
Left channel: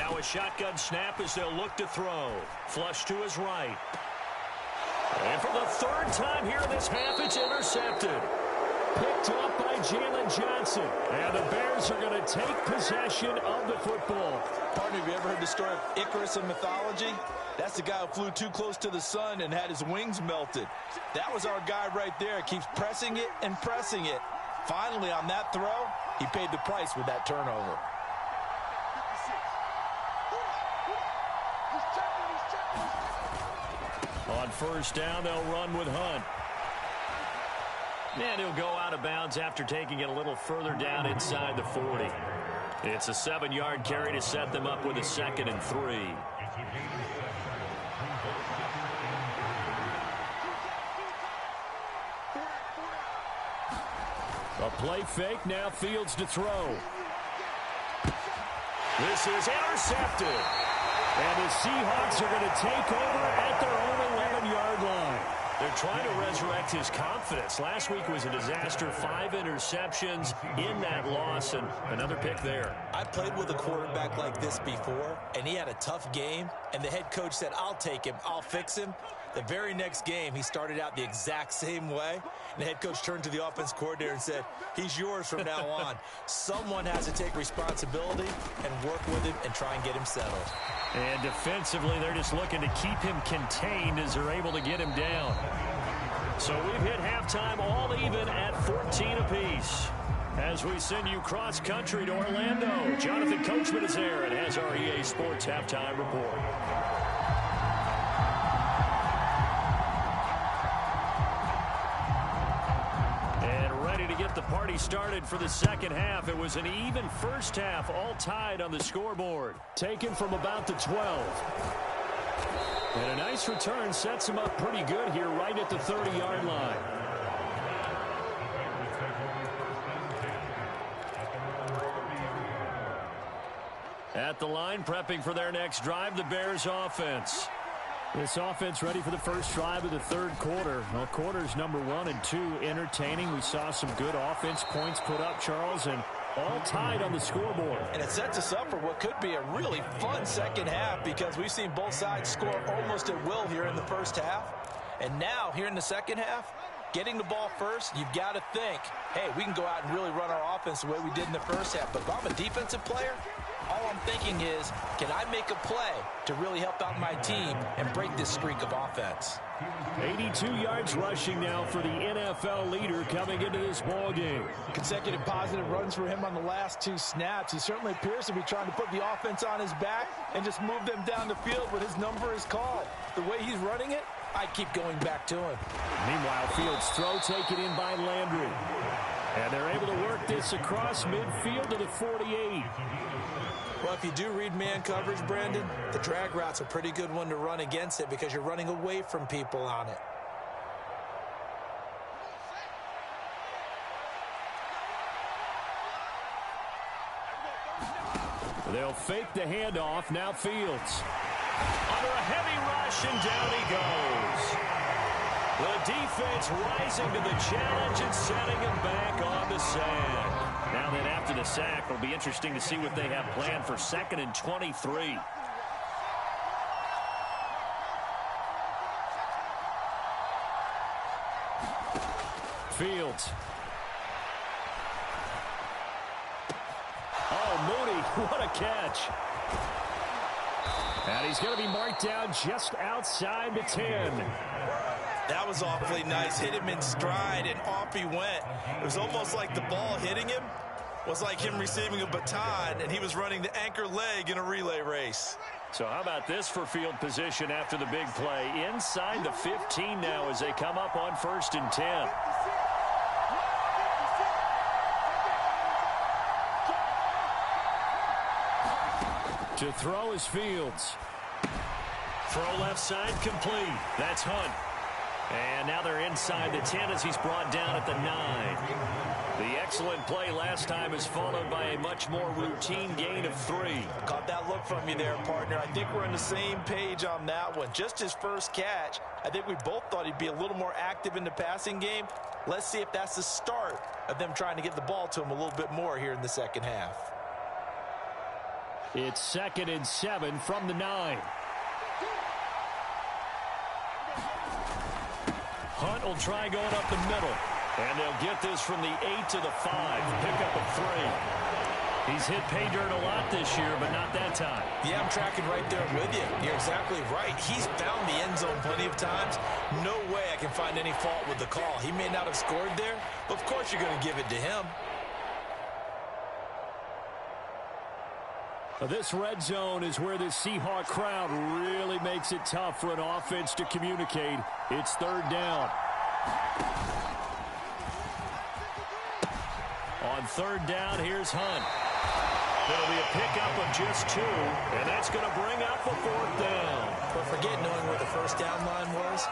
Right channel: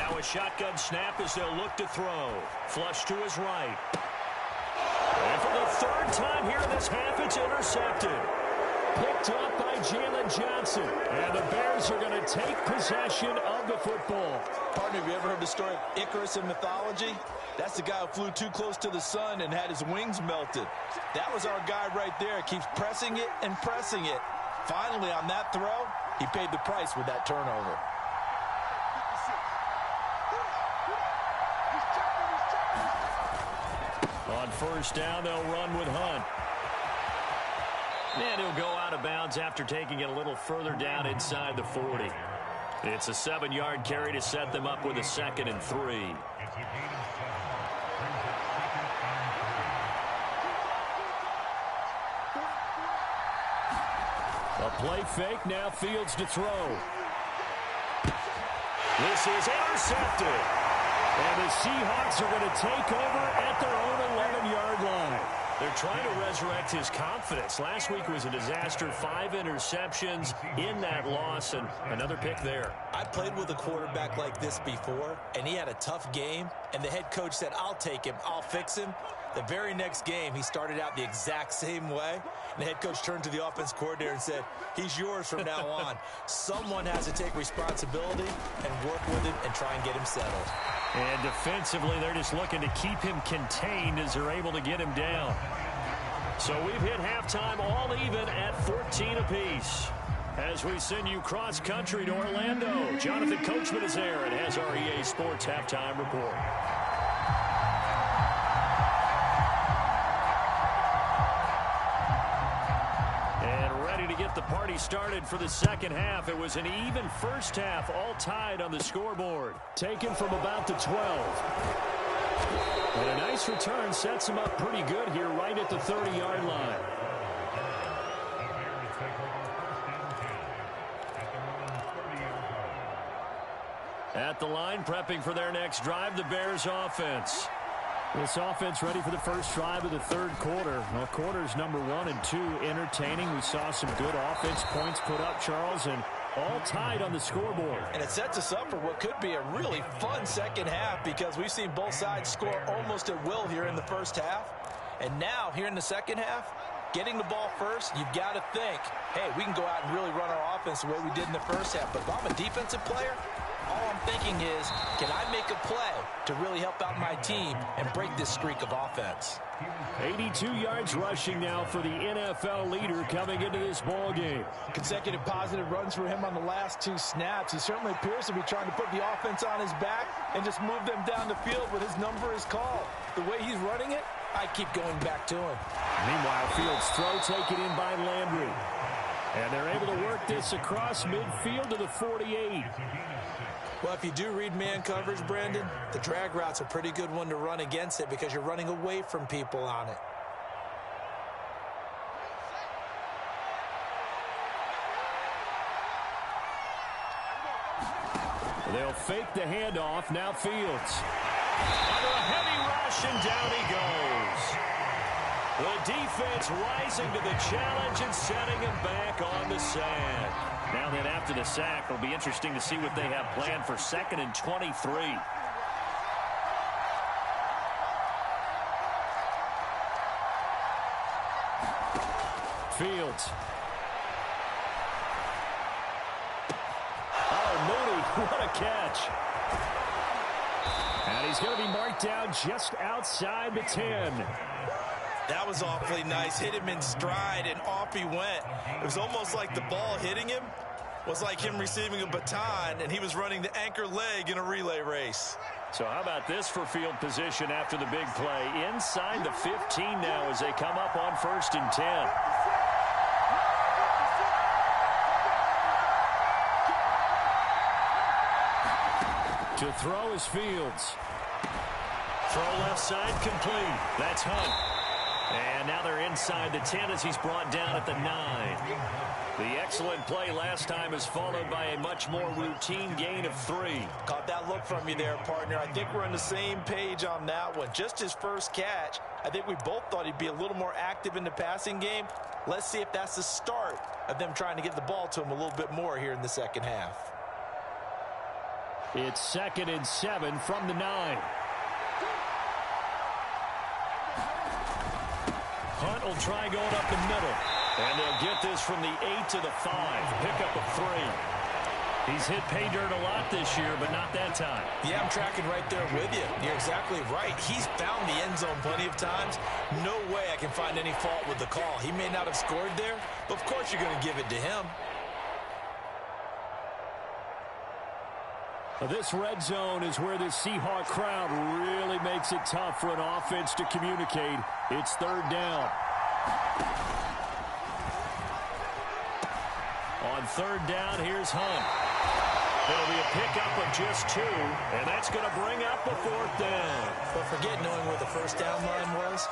Now a shotgun snap as they'll look to throw. Flush to his right. And for the third time here in this half, it's intercepted. Picked up by Jalen Johnson. And the Bears are going to take possession of the football. Partner, have you ever heard the story of Icarus in mythology? That's the guy who flew too close to the sun and had his wings melted. That was our guy right there. Keeps pressing it and pressing it. Finally, on that throw, he paid the price with that turnover. On first down, they'll run with Hunt. And he'll go out of bounds after taking it a little further down inside the 40. It's a 7-yard carry to set them up with a 2nd and 3. A play fake, now Fields to throw. This is intercepted. And the Seahawks are going to take over at their own 11-yard line. They're trying to resurrect his confidence. Last week was a disaster. 5 interceptions in that loss, and another pick there. I played with a quarterback like this before, and he had a tough game, and the head coach said, I'll take him, I'll fix him. The very next game, he started out the exact same way, and the head coach turned to the offense coordinator and said, he's yours from now on. Someone has to take responsibility and work with him and try and get him settled. And defensively, they're just looking to keep him contained as they're able to get him down. So we've hit halftime all even at 14 apiece. As we send you cross-country to Orlando, Jonathan Coachman is there and has our EA Sports Halftime Report. To get the party started for the second half. It was an even first half, all tied on the scoreboard. Taken from about the 12. And a nice return sets him up pretty good here right at the 30-yard line. At the line, prepping for their next drive, the Bears offense. This offense ready for the first drive of the third quarter. Well, quarters number 1 and 2 entertaining. We saw some good offense points put up, Charles, and all tied on the scoreboard. And it sets us up for what could be a really fun second half because we've seen both sides score almost at will here in the first half. And now, here in the second half, getting the ball first, you've got to think, hey, we can go out and really run our offense the way we did in the first half. But if I'm a defensive player, all I'm thinking is, can I make a play to really help out my team and break this streak of offense? 82 yards rushing now for the NFL leader coming into this ball game. Consecutive positive runs for him on the last 2 snaps. He certainly appears to be trying to put the offense on his back and just move them down the field when his number is called. The way he's running it, I keep going back to him. Meanwhile, Fields' throw taken in by Landry. And they're able to work this across midfield to the 48. Well, if you do read man coverage, Brandon, the drag route's a pretty good one to run against it because you're running away from people on it. They'll fake the handoff. Now Fields. Under a heavy rush, and down he goes. The defense rising to the challenge and setting him back on the sand. Now then, after the sack, it'll be interesting to see what they have planned for 2nd and 23. Fields. Oh, Mooney, what a catch. And he's going to be marked down just outside the 10. That was awfully nice. Hit him in stride, and off he went. It was almost like the ball hitting him was like him receiving a baton, and he was running the anchor leg in a relay race. So how about this for field position after the big play? Inside the 15 now as they come up on 1st and 10. To throw is Fields. Throw left side complete. That's Hunt. And now they're inside the 10 as he's brought down at the 9. The excellent play last time is followed by a much more routine gain of 3. Caught that look from you there, partner. I think we're on the same page on that one. Just his first catch. I think we both thought he'd be a little more active in the passing game. Let's see if that's the start of them trying to get the ball to him a little bit more here in the second half. It's 2nd and 7 from the 9. Hunt will try going up the middle. And they'll get this from the 8 to the 5. Pickup of 3. He's hit pay dirt a lot this year, but not that time. Yeah, I'm tracking right there with you. You're exactly right. He's found the end zone plenty of times. No way I can find any fault with the call. He may not have scored there, but of course you're going to give it to him. This red zone is where the Seahawk crowd really makes it tough for an offense to communicate. It's 3rd down. On 3rd down, here's Hunt. It'll be a pickup of just 2, and that's going to bring up a 4th down. But forget knowing where the first down line was.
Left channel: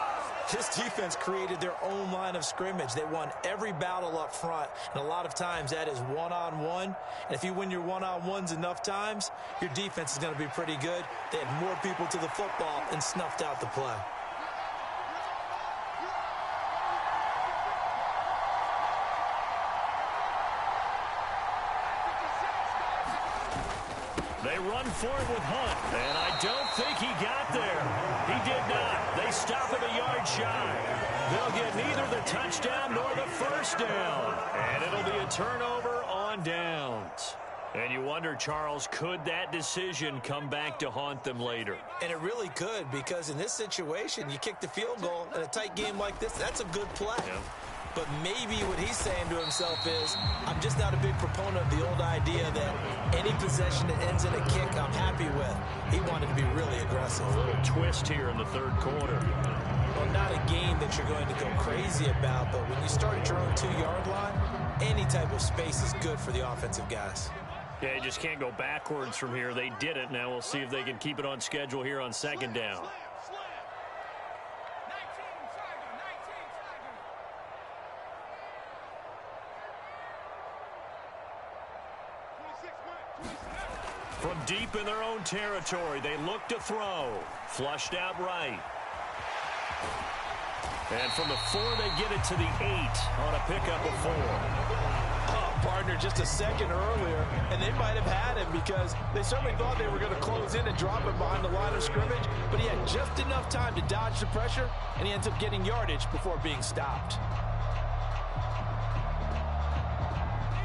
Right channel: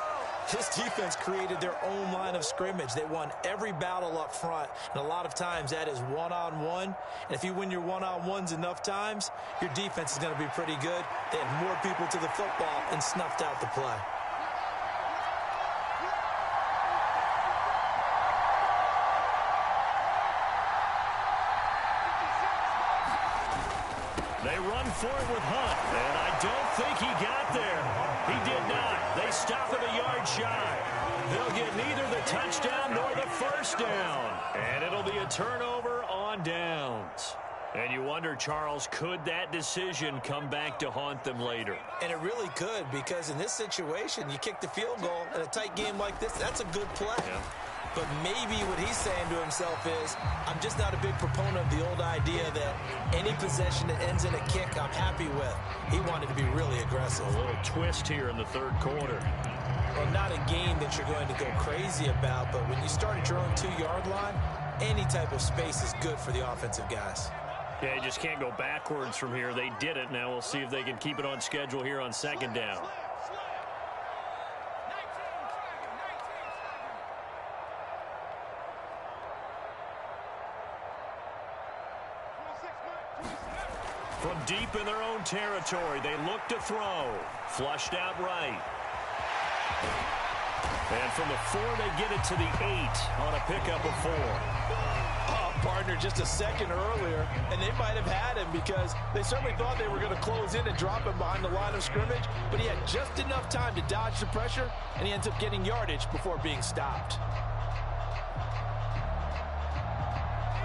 This defense created their own line of scrimmage. They won every battle up front, and a lot of times that is one-on-one. And if you win your one-on-ones enough times, your defense is going to be pretty good. They had more people to the football and snuffed out the play. They run for it with Hunt, and I don't think he got there. He did not. They stop him a yard shy. They'll get neither the touchdown nor the first down, and it'll be a turnover on downs. And you wonder, Charles, could that decision come back to haunt them later? And it really could, because in this situation, you kick the field goal in a tight game like this, that's a good play. Yeah. But maybe what he's saying to himself is, I'm just not a big proponent of the old idea that any possession that ends in a kick I'm happy with. He wanted to be really aggressive. A little twist here in the 3rd quarter. Well, not a game that you're going to go crazy about, but when you start at your own 2-yard line, any type of space is good for the offensive guys. Yeah, you just can't go backwards from here. They did it. Now we'll see if they can keep it on schedule here on 2nd down. From deep in their own territory, they look to throw. Flushed out right. And from the 4, they get it to the 8 on a pickup of 4. Oh, partner, just a second earlier, and they might have had him because they certainly thought they were going to close in and drop him behind the line of scrimmage, but he had just enough time to dodge the pressure, and he ends up getting yardage before being stopped.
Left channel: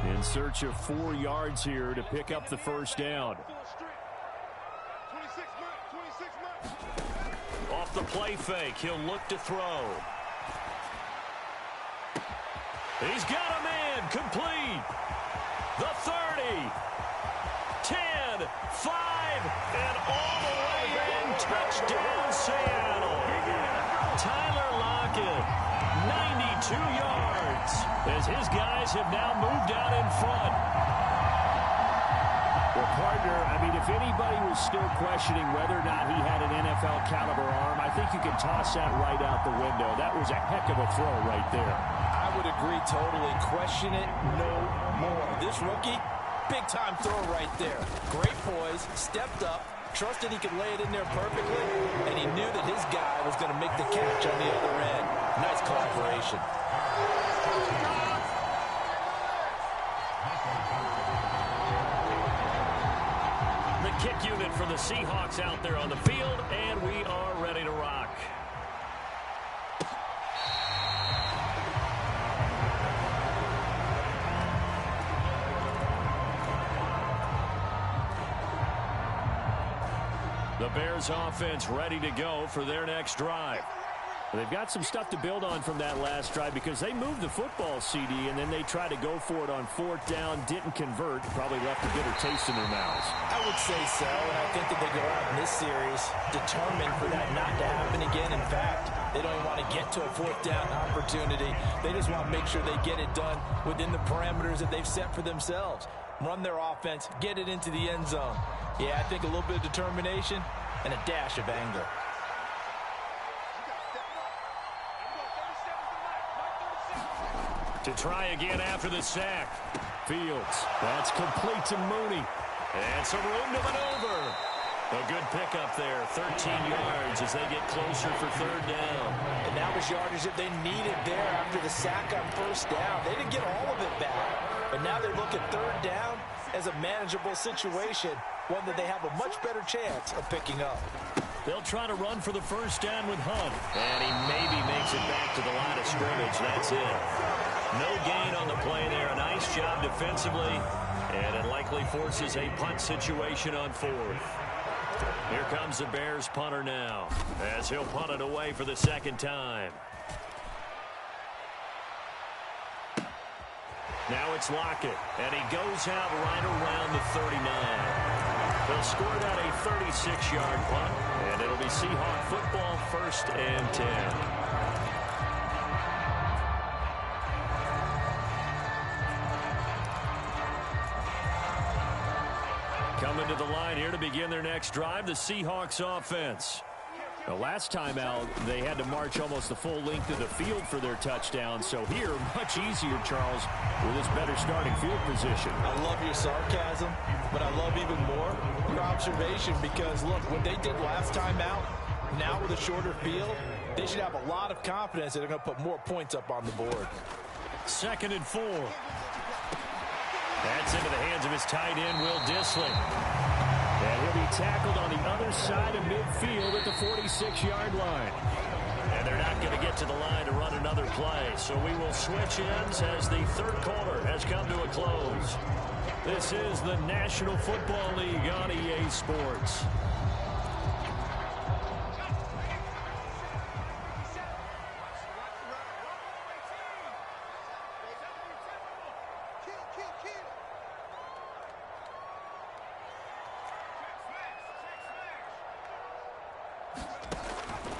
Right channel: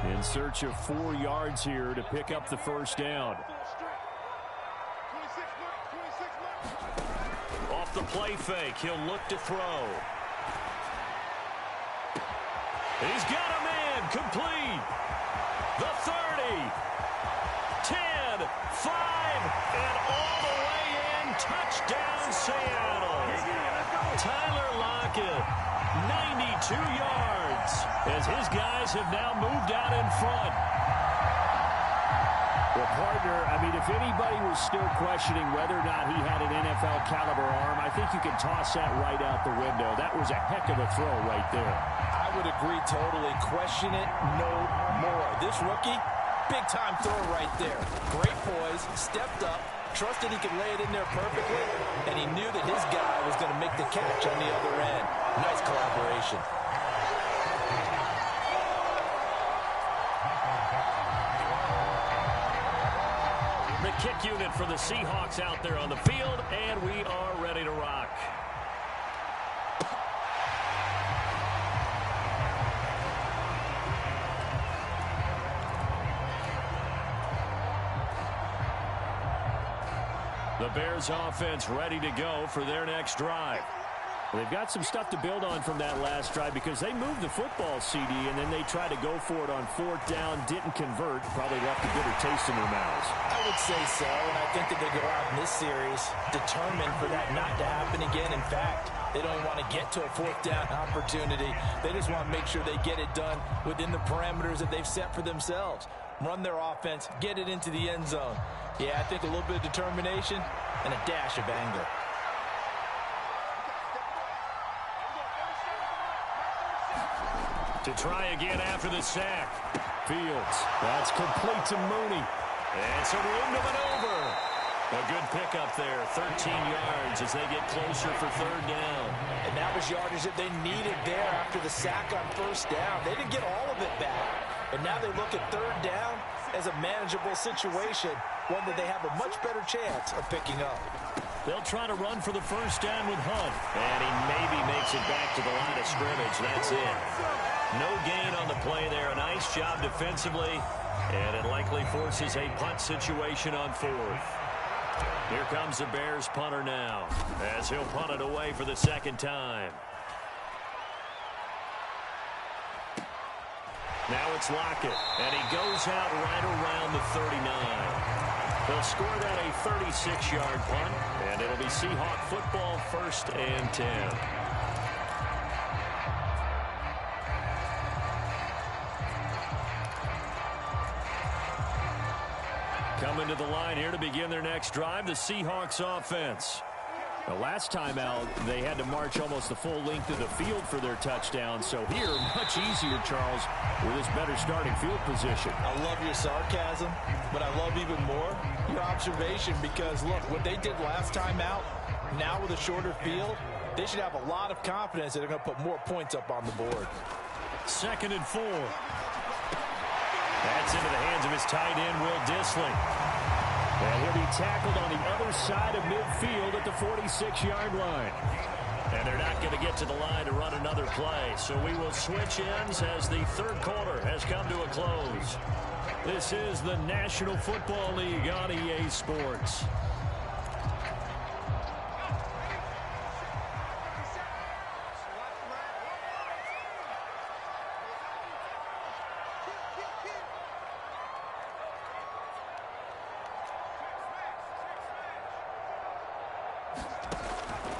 In search of 4 yards here to pick up the first down. Off the play fake, he'll look to throw. He's got a man, complete. The 30, 10, 5, and all the way in. Touchdown, Seattle. Tyler Lockett, 92 yards, as his guys have now moved out in front. Well, partner, I mean, if anybody was still questioning whether or not he had an NFL caliber arm, I think you can toss that right out the window. That was a heck of a throw right there. I would agree totally. Question it no more. This rookie, big-time throw right there. Great poise, stepped up, trusted he could lay it in there perfectly, and he knew that his guy was going to make the catch on the other end. Nice collaboration. The kick unit for the Seahawks out there on the field, and we are ready to rock. The Bears offense ready to go for their next drive. They've got some stuff to build on from that last drive because they moved the football, CD, and then they tried to go for it on 4th down, didn't convert, probably left a bitter taste in their mouths. I would say so, and I think that they go out in this series determined for that not to happen again. In fact, they don't even want to get to a 4th down opportunity. They just want to make sure they get it done within the parameters that they've set for themselves. Run their offense, get it into the end zone. Yeah, I think a little bit of determination and a dash of anger. To try again after the sack. Fields. That's complete to Mooney. And some room to maneuver. A good pickup there. 13 yards as they get closer for 3rd down. And that was yardage that they needed there after the sack on 1st down. They didn't get all of it back. But now they look at 3rd down as a manageable situation. one that they have a much better chance of picking up. They'll try to run for the first down with Hunt. And he maybe makes it back to the line of scrimmage. That's it. No gain on the play there. A nice job defensively. And it likely forces a punt situation on fourth. Here comes the Bears punter now, as he'll punt it away for the second time. Now it's Lockett, and he goes out right around the 39. They'll score that a 36-yard punt, and it'll be Seahawk football, 1st and 10. Coming to the line here to begin their next drive, the Seahawks offense. The last time out, they had to march almost the full length of the field for their touchdown. So here, much easier, Charles, with this better starting field position. I love your sarcasm, but I love even more your observation because, look, what they did last time out, now with a shorter field, they should have a lot of confidence that they're going to put more points up on the board. 2nd and 4. That's into the hands of his tight end, Will Dissly. And he'll be tackled on the other side of midfield at the 46-yard line. And they're not going to get to the line to run another play. So we will switch ends as the third quarter has come to a close. This is the National Football League on EA Sports.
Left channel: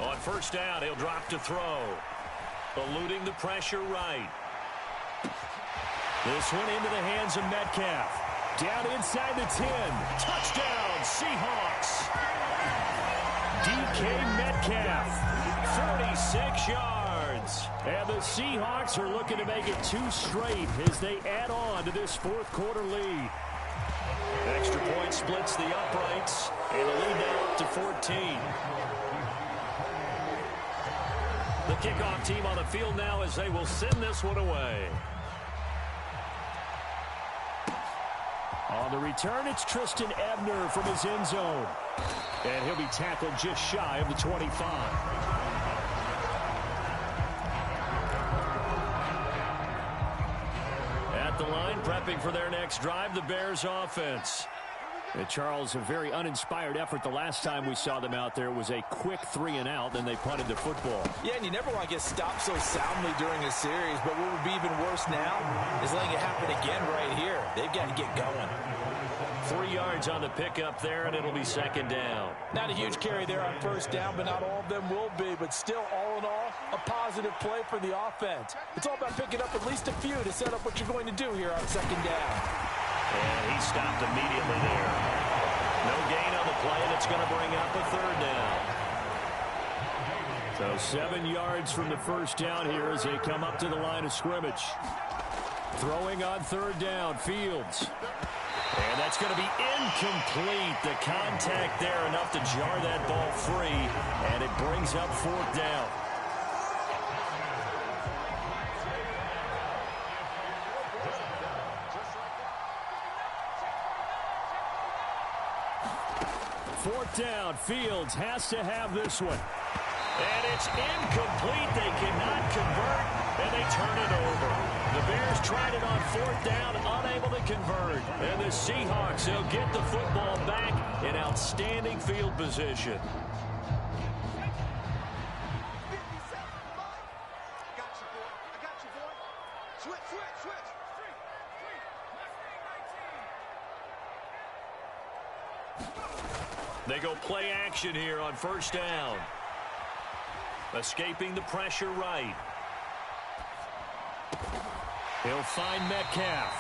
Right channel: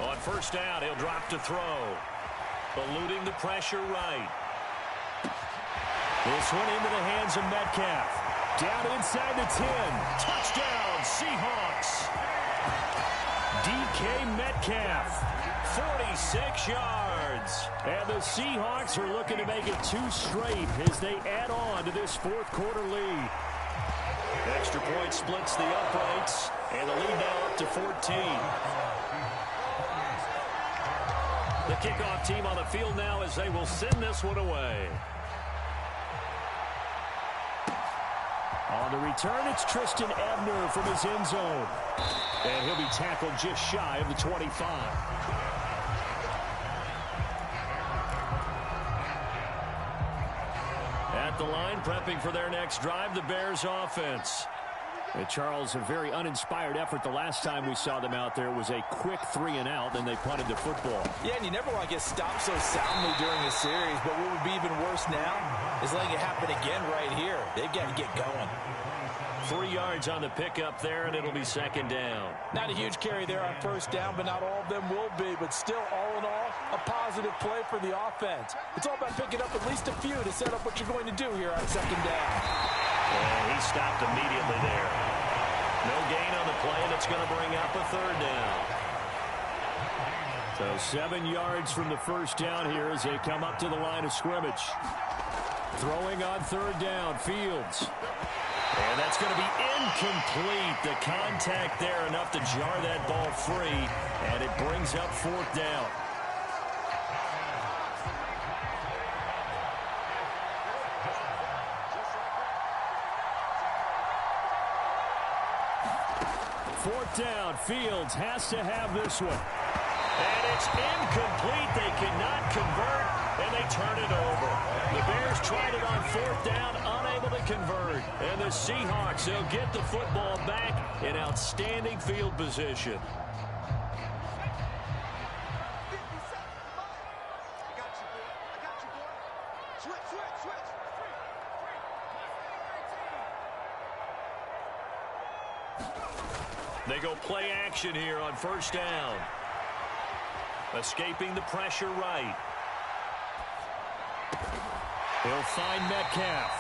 On first down, he'll drop to throw. Eluding the pressure right. This one into the hands of Metcalf. Down inside the 10. Touchdown, Seahawks. DK Metcalf, 46 yards. And the Seahawks are looking to make it 2 straight as they add on to this fourth quarter lead. Extra point splits the uprights, and the lead now up to 14. The kickoff team on the field now as they will send this one away. On the return, it's Tristan Ebner from his end zone. And he'll be tackled just shy of the 25. At the line, prepping for their next drive, the Bears offense. And Charles, a very uninspired effort the last time we saw them out there was a quick 3-and-out, then they punted the football. Yeah, and you never want to get stopped so soundly during a series, but what would be even worse now is letting it happen again right here. They've got to get going. 3 yards on the pickup there, and it'll be second down. Not a huge carry there on first down, but not all of them will be. But still, all in all, a positive play for the offense. It's all about picking up at least a few to set up what you're going to do here on second down. And he stopped immediately there. No gain on the play, and it's going to bring up a third down. So 7 yards from the first down here as they come up to the line of scrimmage. Throwing on third down, Fields. And that's going to be incomplete. The contact there enough to jar that ball free, and it brings up fourth down. Fourth down, Fields has to have this one. And it's incomplete. They cannot convert, and they turn it over. The Bears tried it on fourth down, unable to convert. And the Seahawks, they'll get the football back in outstanding field position. They go play action here on first down. Escaping the pressure right. He'll find Metcalf.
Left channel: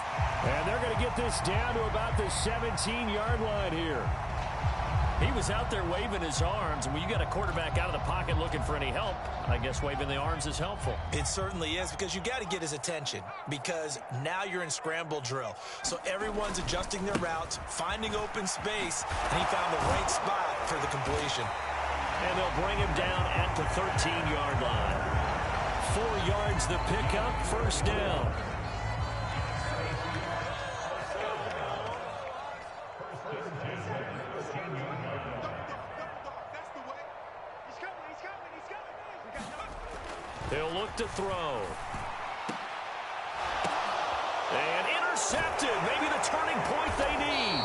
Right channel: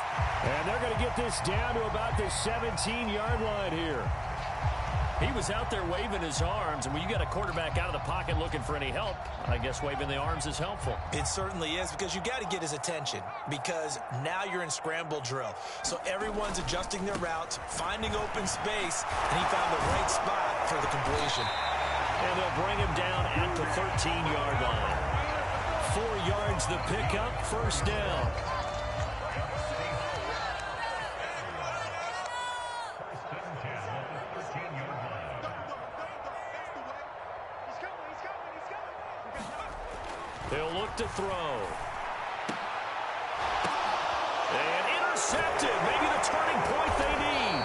And they're going to get this down to about the 17-yard line here. He was out there waving his arms, and when you got a quarterback out of the pocket looking for any help, I guess waving the arms is helpful. It certainly is, because you got to get his attention, because now you're in scramble drill. So everyone's adjusting their routes, finding open space, and he found the right spot for the completion. And they'll bring him down at the 13-yard line. 4 yards the pickup, first down. They'll look to throw. And intercepted. Maybe the turning point they need.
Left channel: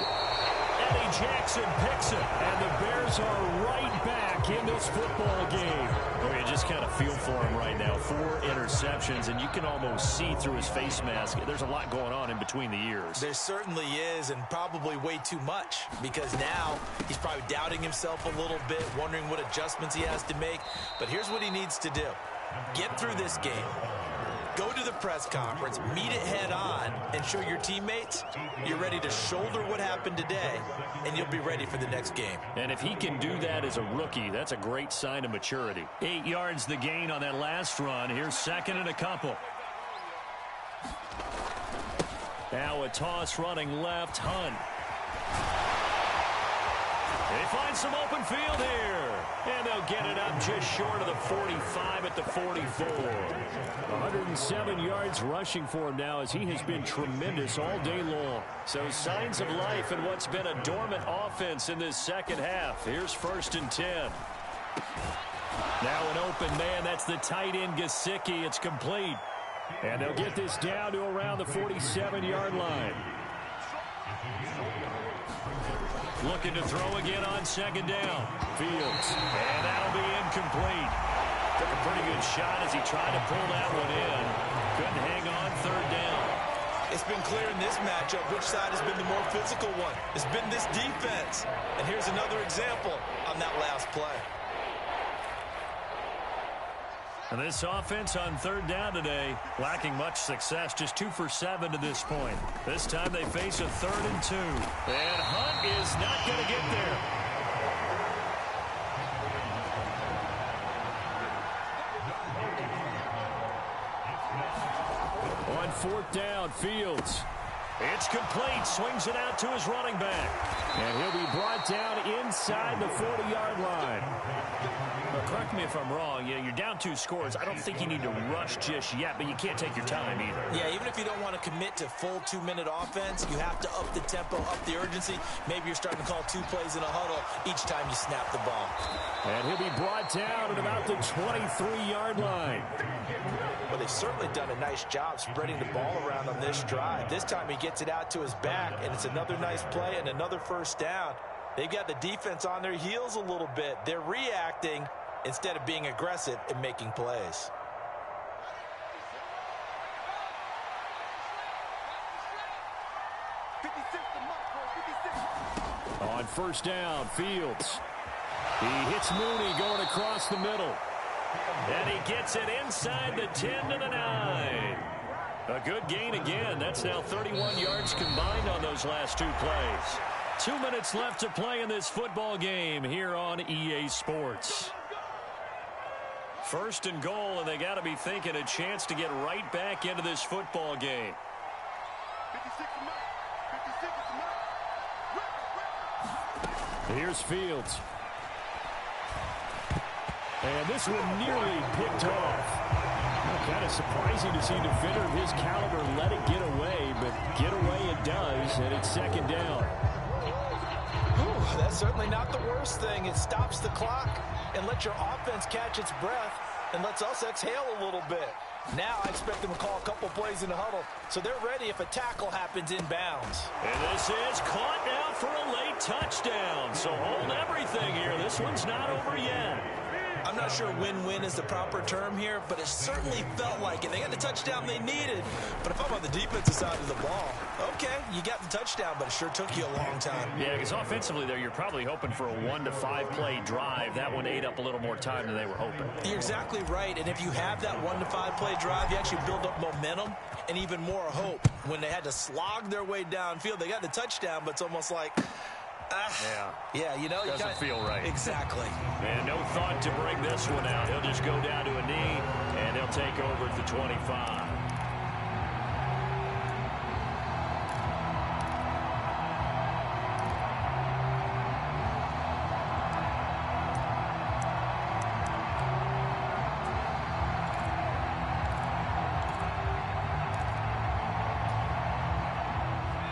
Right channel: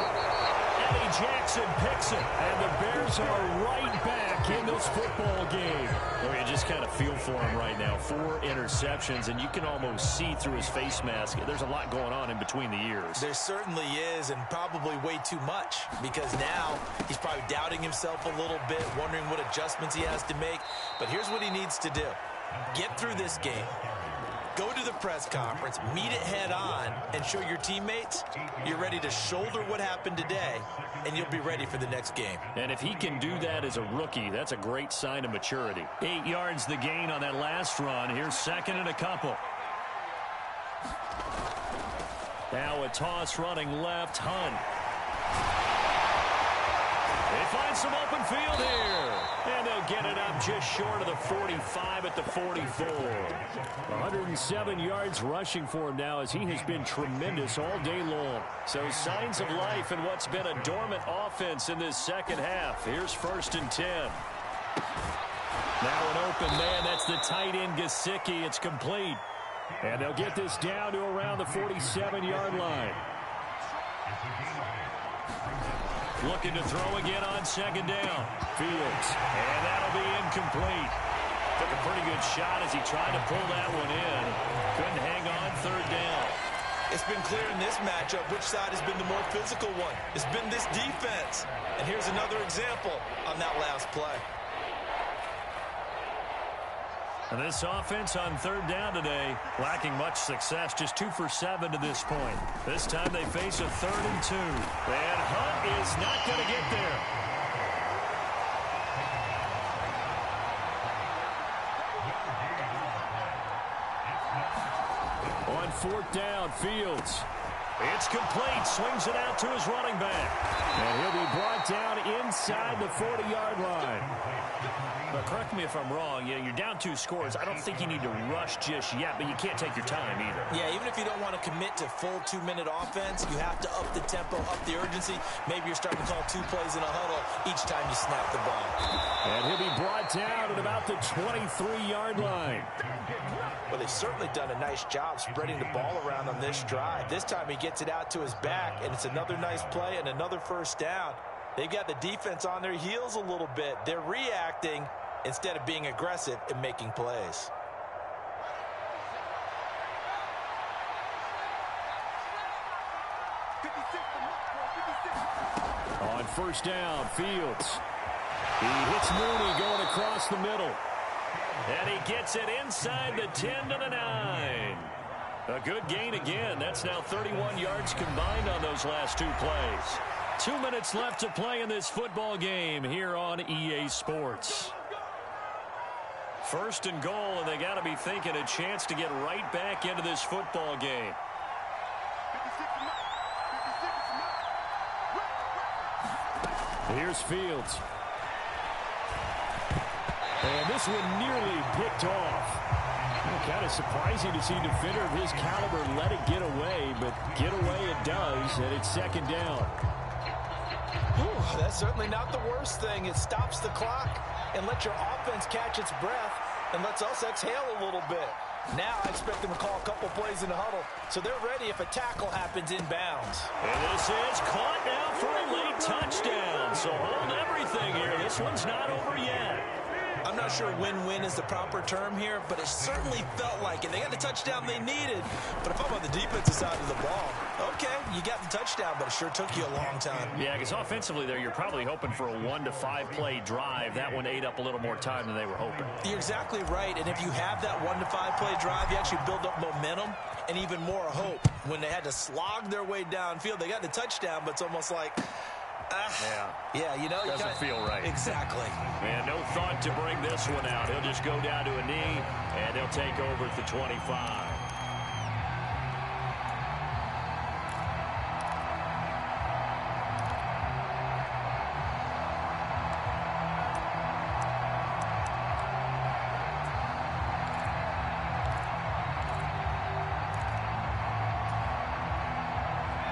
Eddie Jackson picks it. And the Bears are right back in this football game. Oh, you just kind of feel for him right now. 4 interceptions, and you can almost see through his face mask. There's a lot going on in between the ears. There certainly is, and probably way too much, because now he's probably doubting himself a little bit, wondering what adjustments he has to make. But here's what he needs to do. Get through this game. Go to the press conference, meet it head on, and show your teammates you're ready to shoulder what happened today, and you'll be ready for the next game. And if he can do that as a rookie, that's a great sign of maturity. 8 yards the gain on that last run. Here's second and a couple. Now a toss running left, Hunt. They find some open field here. And they'll get it up just short of the 45 at the 44. 107 yards rushing for him now as he has been tremendous all day long. So signs of life in what's been a dormant offense in this second half. Here's 1st and 10. Now an open man. That's the tight end Gesicki. It's complete. And they'll get this down to around the 47-yard line. Looking to throw again on second down. Fields. And that'll be incomplete. Took a pretty good shot as he tried to pull that one in. Couldn't hang on 3rd down. It's been clear in this matchup which side has been the more physical one. It's been this defense. And here's another example on that last play. And this offense on 3rd down today, lacking much success, just 2 for 7 to this point. This time they face a 3rd and 2. And Hunt is not going to get there. On 4th down, Fields. It's complete. Swings it out to his running back. And he'll be brought down inside the 40-yard line. But correct me if I'm wrong. You're down 2 scores. I don't think you need to rush just yet, but you can't take your time either. Yeah, even if you don't want to commit to full 2-minute offense, you have to up the tempo, up the urgency. Maybe you're starting to call 2 plays in a huddle each time you snap the ball. And he'll be brought down at about the 23-yard line. Well, they've certainly done a nice job spreading the ball around on this drive. This time he gets it out to his back, and it's another nice play and another 1st down. They've got the defense on their heels a little bit. They're reacting instead of being aggressive and making plays. On 1st down, Fields. He hits Mooney going across the middle. And he gets it inside the 10 to the 9. A good gain again. That's now 31 yards combined on those last 2 plays. 2 minutes left to play in this football game here on EA Sports. 1st and goal, and they got to be thinking a chance to get right back into this football game. Here's Fields. And this one nearly picked off. Kind of surprising to see a defender of his caliber let it get away, but get away it does, and it's 2nd down. Whew, that's certainly not the worst thing. It stops the clock and lets your offense catch its breath and lets us exhale a little bit. Now I expect them to call a couple plays in the huddle, so they're ready if a tackle happens inbounds. And this is caught now for a late touchdown. So hold everything here. This one's not over yet. I'm not sure win-win is the proper term here, but it certainly felt like it. They got the touchdown they needed. But if I'm on the defensive side of the ball, okay, you got the touchdown, but it sure took you a long time. Yeah, because offensively there, you're probably hoping for a 1 to 5 play drive. That one ate up a little more time than they were hoping. You're exactly right. And if you have that 1 to 5 play drive, you actually build up momentum and even more hope. When they had to slog their way downfield, they got the touchdown, but it's almost like... Yeah, you know. Doesn't feel right. Exactly. And no thought to bring this one out. He'll just go down to a knee, and he'll take over at the 25.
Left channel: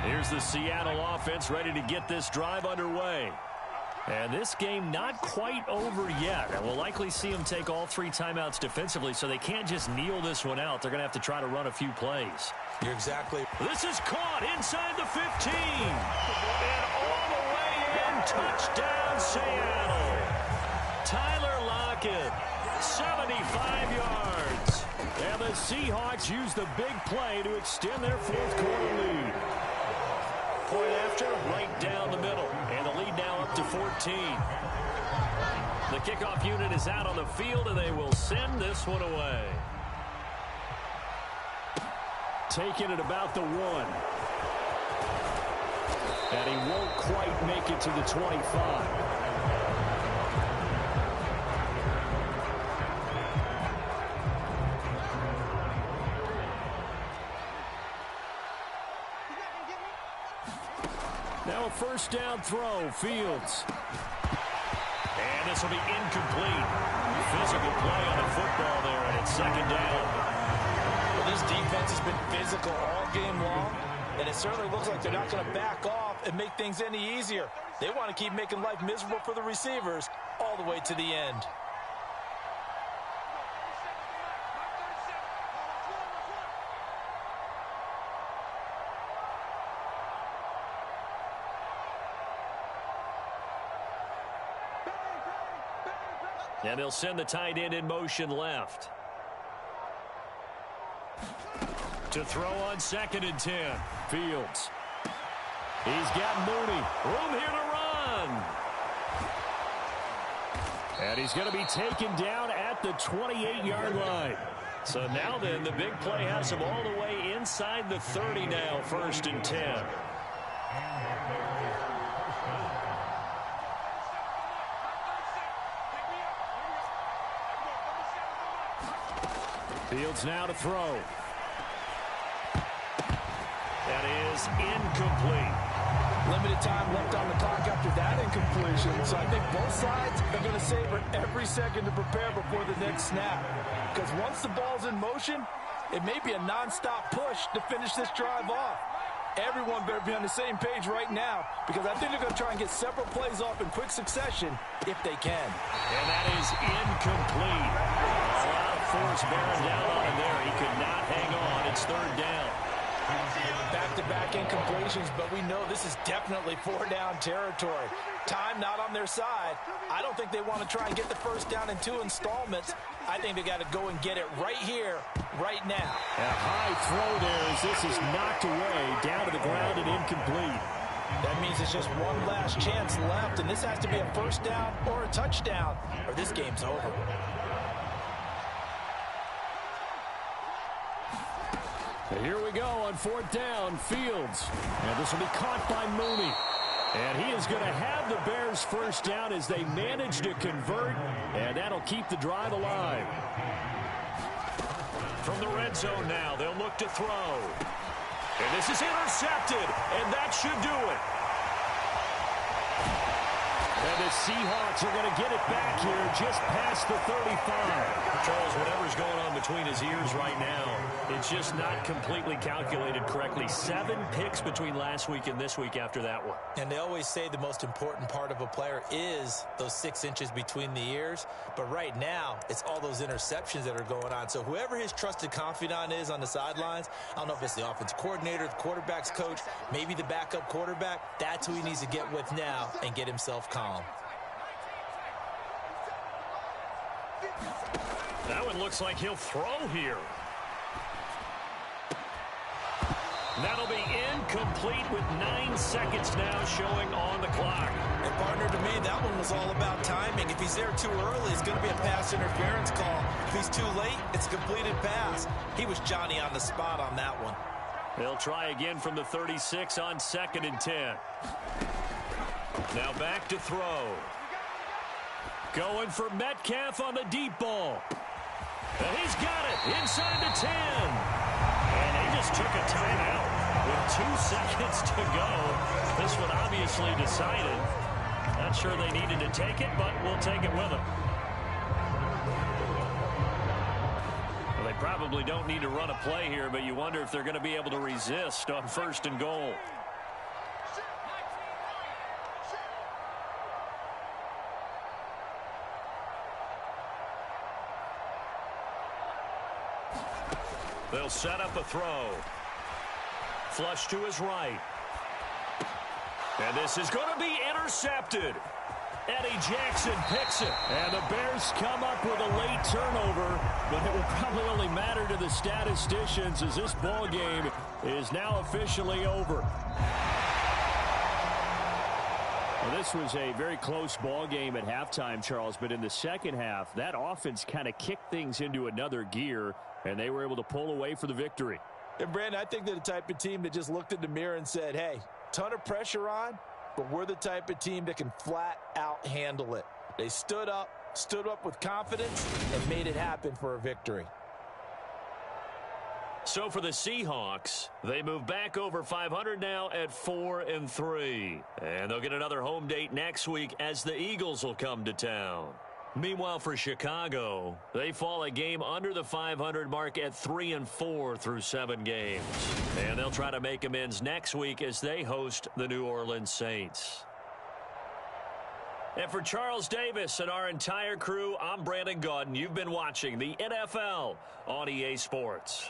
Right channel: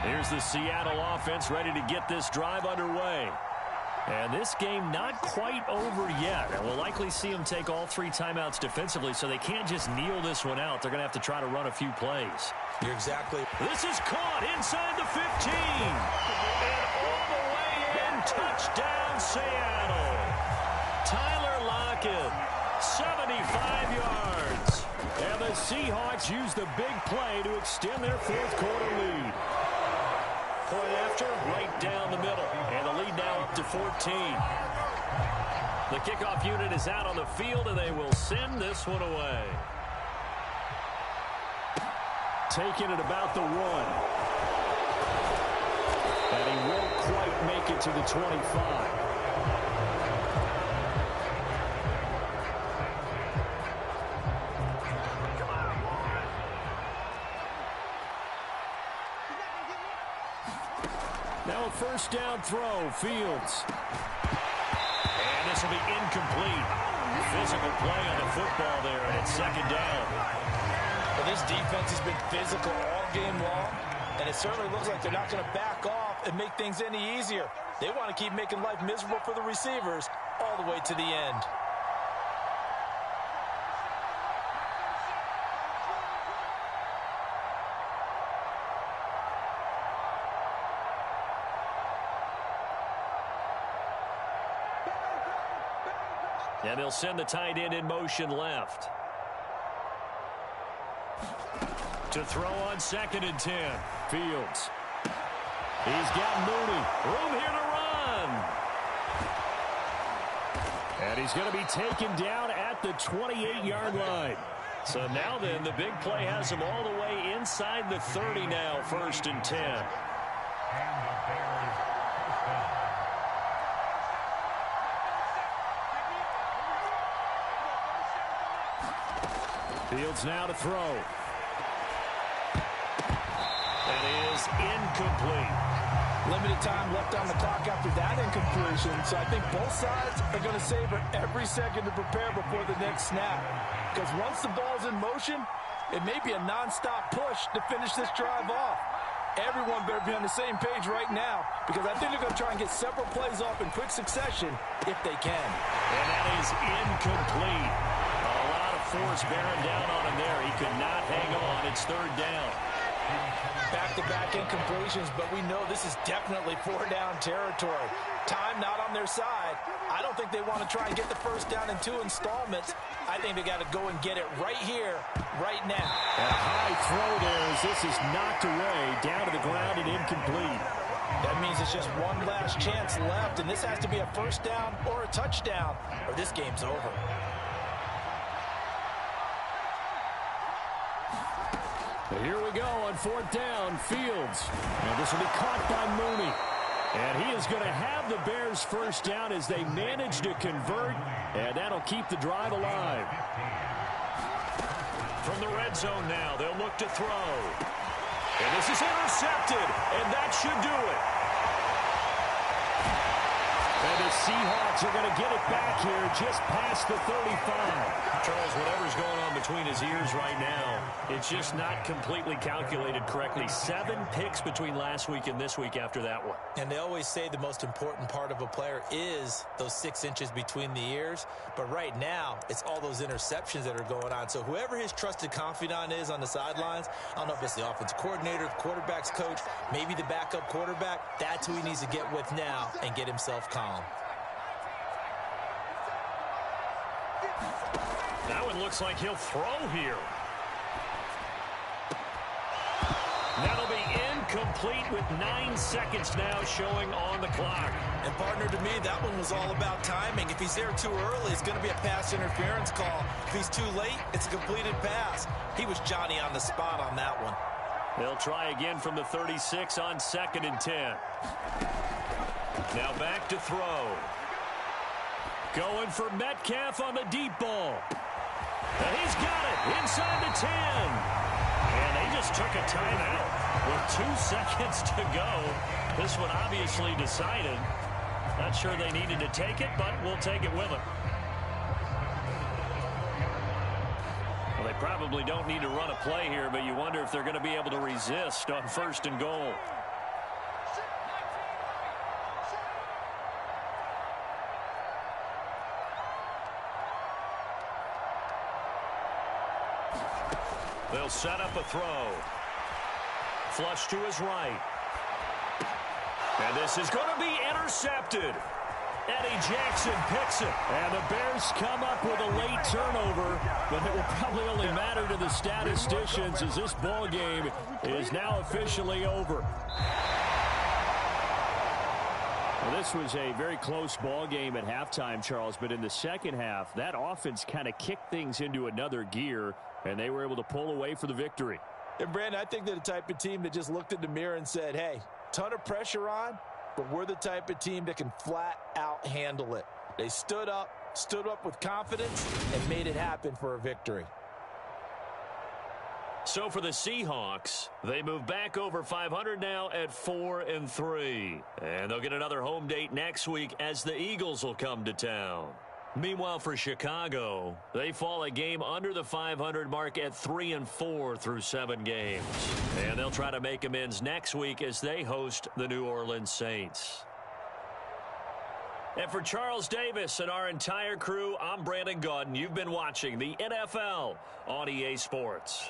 Here's the Seattle offense ready to get this drive underway. And this game not quite over yet. And we'll likely see them take all 3 timeouts defensively, so they can't just kneel this one out. They're going to have to try to run a few plays. You're exactly. This is caught inside the 15. And all the way in. Touchdown, Seattle. Tyler Lockett, 75 yards. And the Seahawks use the big play to extend their fourth-quarter lead. Point after, right down the middle. And the lead now up to 14. The kickoff unit is out on the field, and they will send this one away. Taking it about the 1. And he won't quite make it to the 25. Now a first down throw, Fields. And this will be incomplete. Physical play on the football there, and it's second down. Well, this defense has been physical all game long, and it certainly looks like they're not going to back off and make things any easier. They want to keep making life miserable for the receivers all the way to the end. And they'll send the tight end in motion left. To throw on 2nd and 10. Fields. He's got Mooney. Room here to run. And he's going to be taken down at the 28-yard line. So now then, the big play has him all the way inside the 30 now, 1st and 10. Fields now to throw. That is incomplete. Limited time left on the clock after that incompletion, so I think both sides are going to savor every second to prepare before the next snap. Because once the ball's in motion, it may be a nonstop push to finish this drive off. Everyone better be on the same page right now, because I think they're going to try and get several plays off in quick succession if they can. And that is incomplete. A lot of force bearing down on him there. He could not hang on. It's 3rd down. Back-to-back incompletions, but we know this is definitely 4-down territory. Time not on their side. I don't think they want to try and get the first down in 2 installments. I think they got to go and get it right here, right now. And a high throw there as this is knocked away, down to the ground and incomplete. That means it's just one last chance left, and this has to be a first down or a touchdown, or this game's over. Here we go on 4th down, Fields. And this will be caught by Mooney. And he is going to have the Bears first down as they manage to convert, and that'll keep the drive alive. From the red zone now, they'll look to throw. And this is intercepted, and that should do it. And the Seahawks are going to get it back here just past the 35. Charles, whatever's going on between his ears right now, it's just not completely calculated correctly. 7 picks between last week and this week after that one. And they always say the most important part of a player is those 6 inches between the ears. But right now, it's all those interceptions that are going on. So whoever his trusted confidant is on the sidelines, I don't know if it's the offensive coordinator, the quarterback's coach, maybe the backup quarterback, that's who he needs to get with now and get himself calm. That one looks like he'll throw here. That'll be incomplete with 9 seconds now showing on the clock. And partner, to me, that one was all about timing. If he's there too early, it's going to be a pass interference call. If he's too late, it's a completed pass. He was Johnny on the spot on that one. They'll try again from the 36 on 2nd and 10. Now back to throw. Going for Metcalf on the deep ball. And he's got it inside the 10. And they just took a timeout with 2 seconds to go. This one obviously decided. Not sure they needed to take it, but we'll take it with them. Well, they probably don't need to run a play here, but you wonder if they're going to be able to resist on 1st and goal. They'll set up a throw. Flush to his right. And this is going to be intercepted. Eddie Jackson picks it. And the Bears come up with a late turnover, but it will probably only matter to the statisticians as this ball game is now officially over. Well, this was a very close ball game at halftime, Charles, but in the second half, that offense kind of kicked things into another gear, and they were able to pull away for the victory. And, Brandon, I think they're the type of team that just looked in the mirror and said, hey, ton of pressure on, but we're the type of team that can flat out handle it. They stood up with confidence, and made it happen for a victory. So for the Seahawks, they move back over 500 now at 4-3. And they'll get another home date next week as the Eagles will come to town. Meanwhile, for Chicago, they fall a game under the 500 mark at 3-4 through 7 games. And they'll try to make amends next week as they host the New Orleans Saints. And for Charles Davis and our entire crew, I'm Brandon Gaudin. You've been watching the NFL on EA Sports.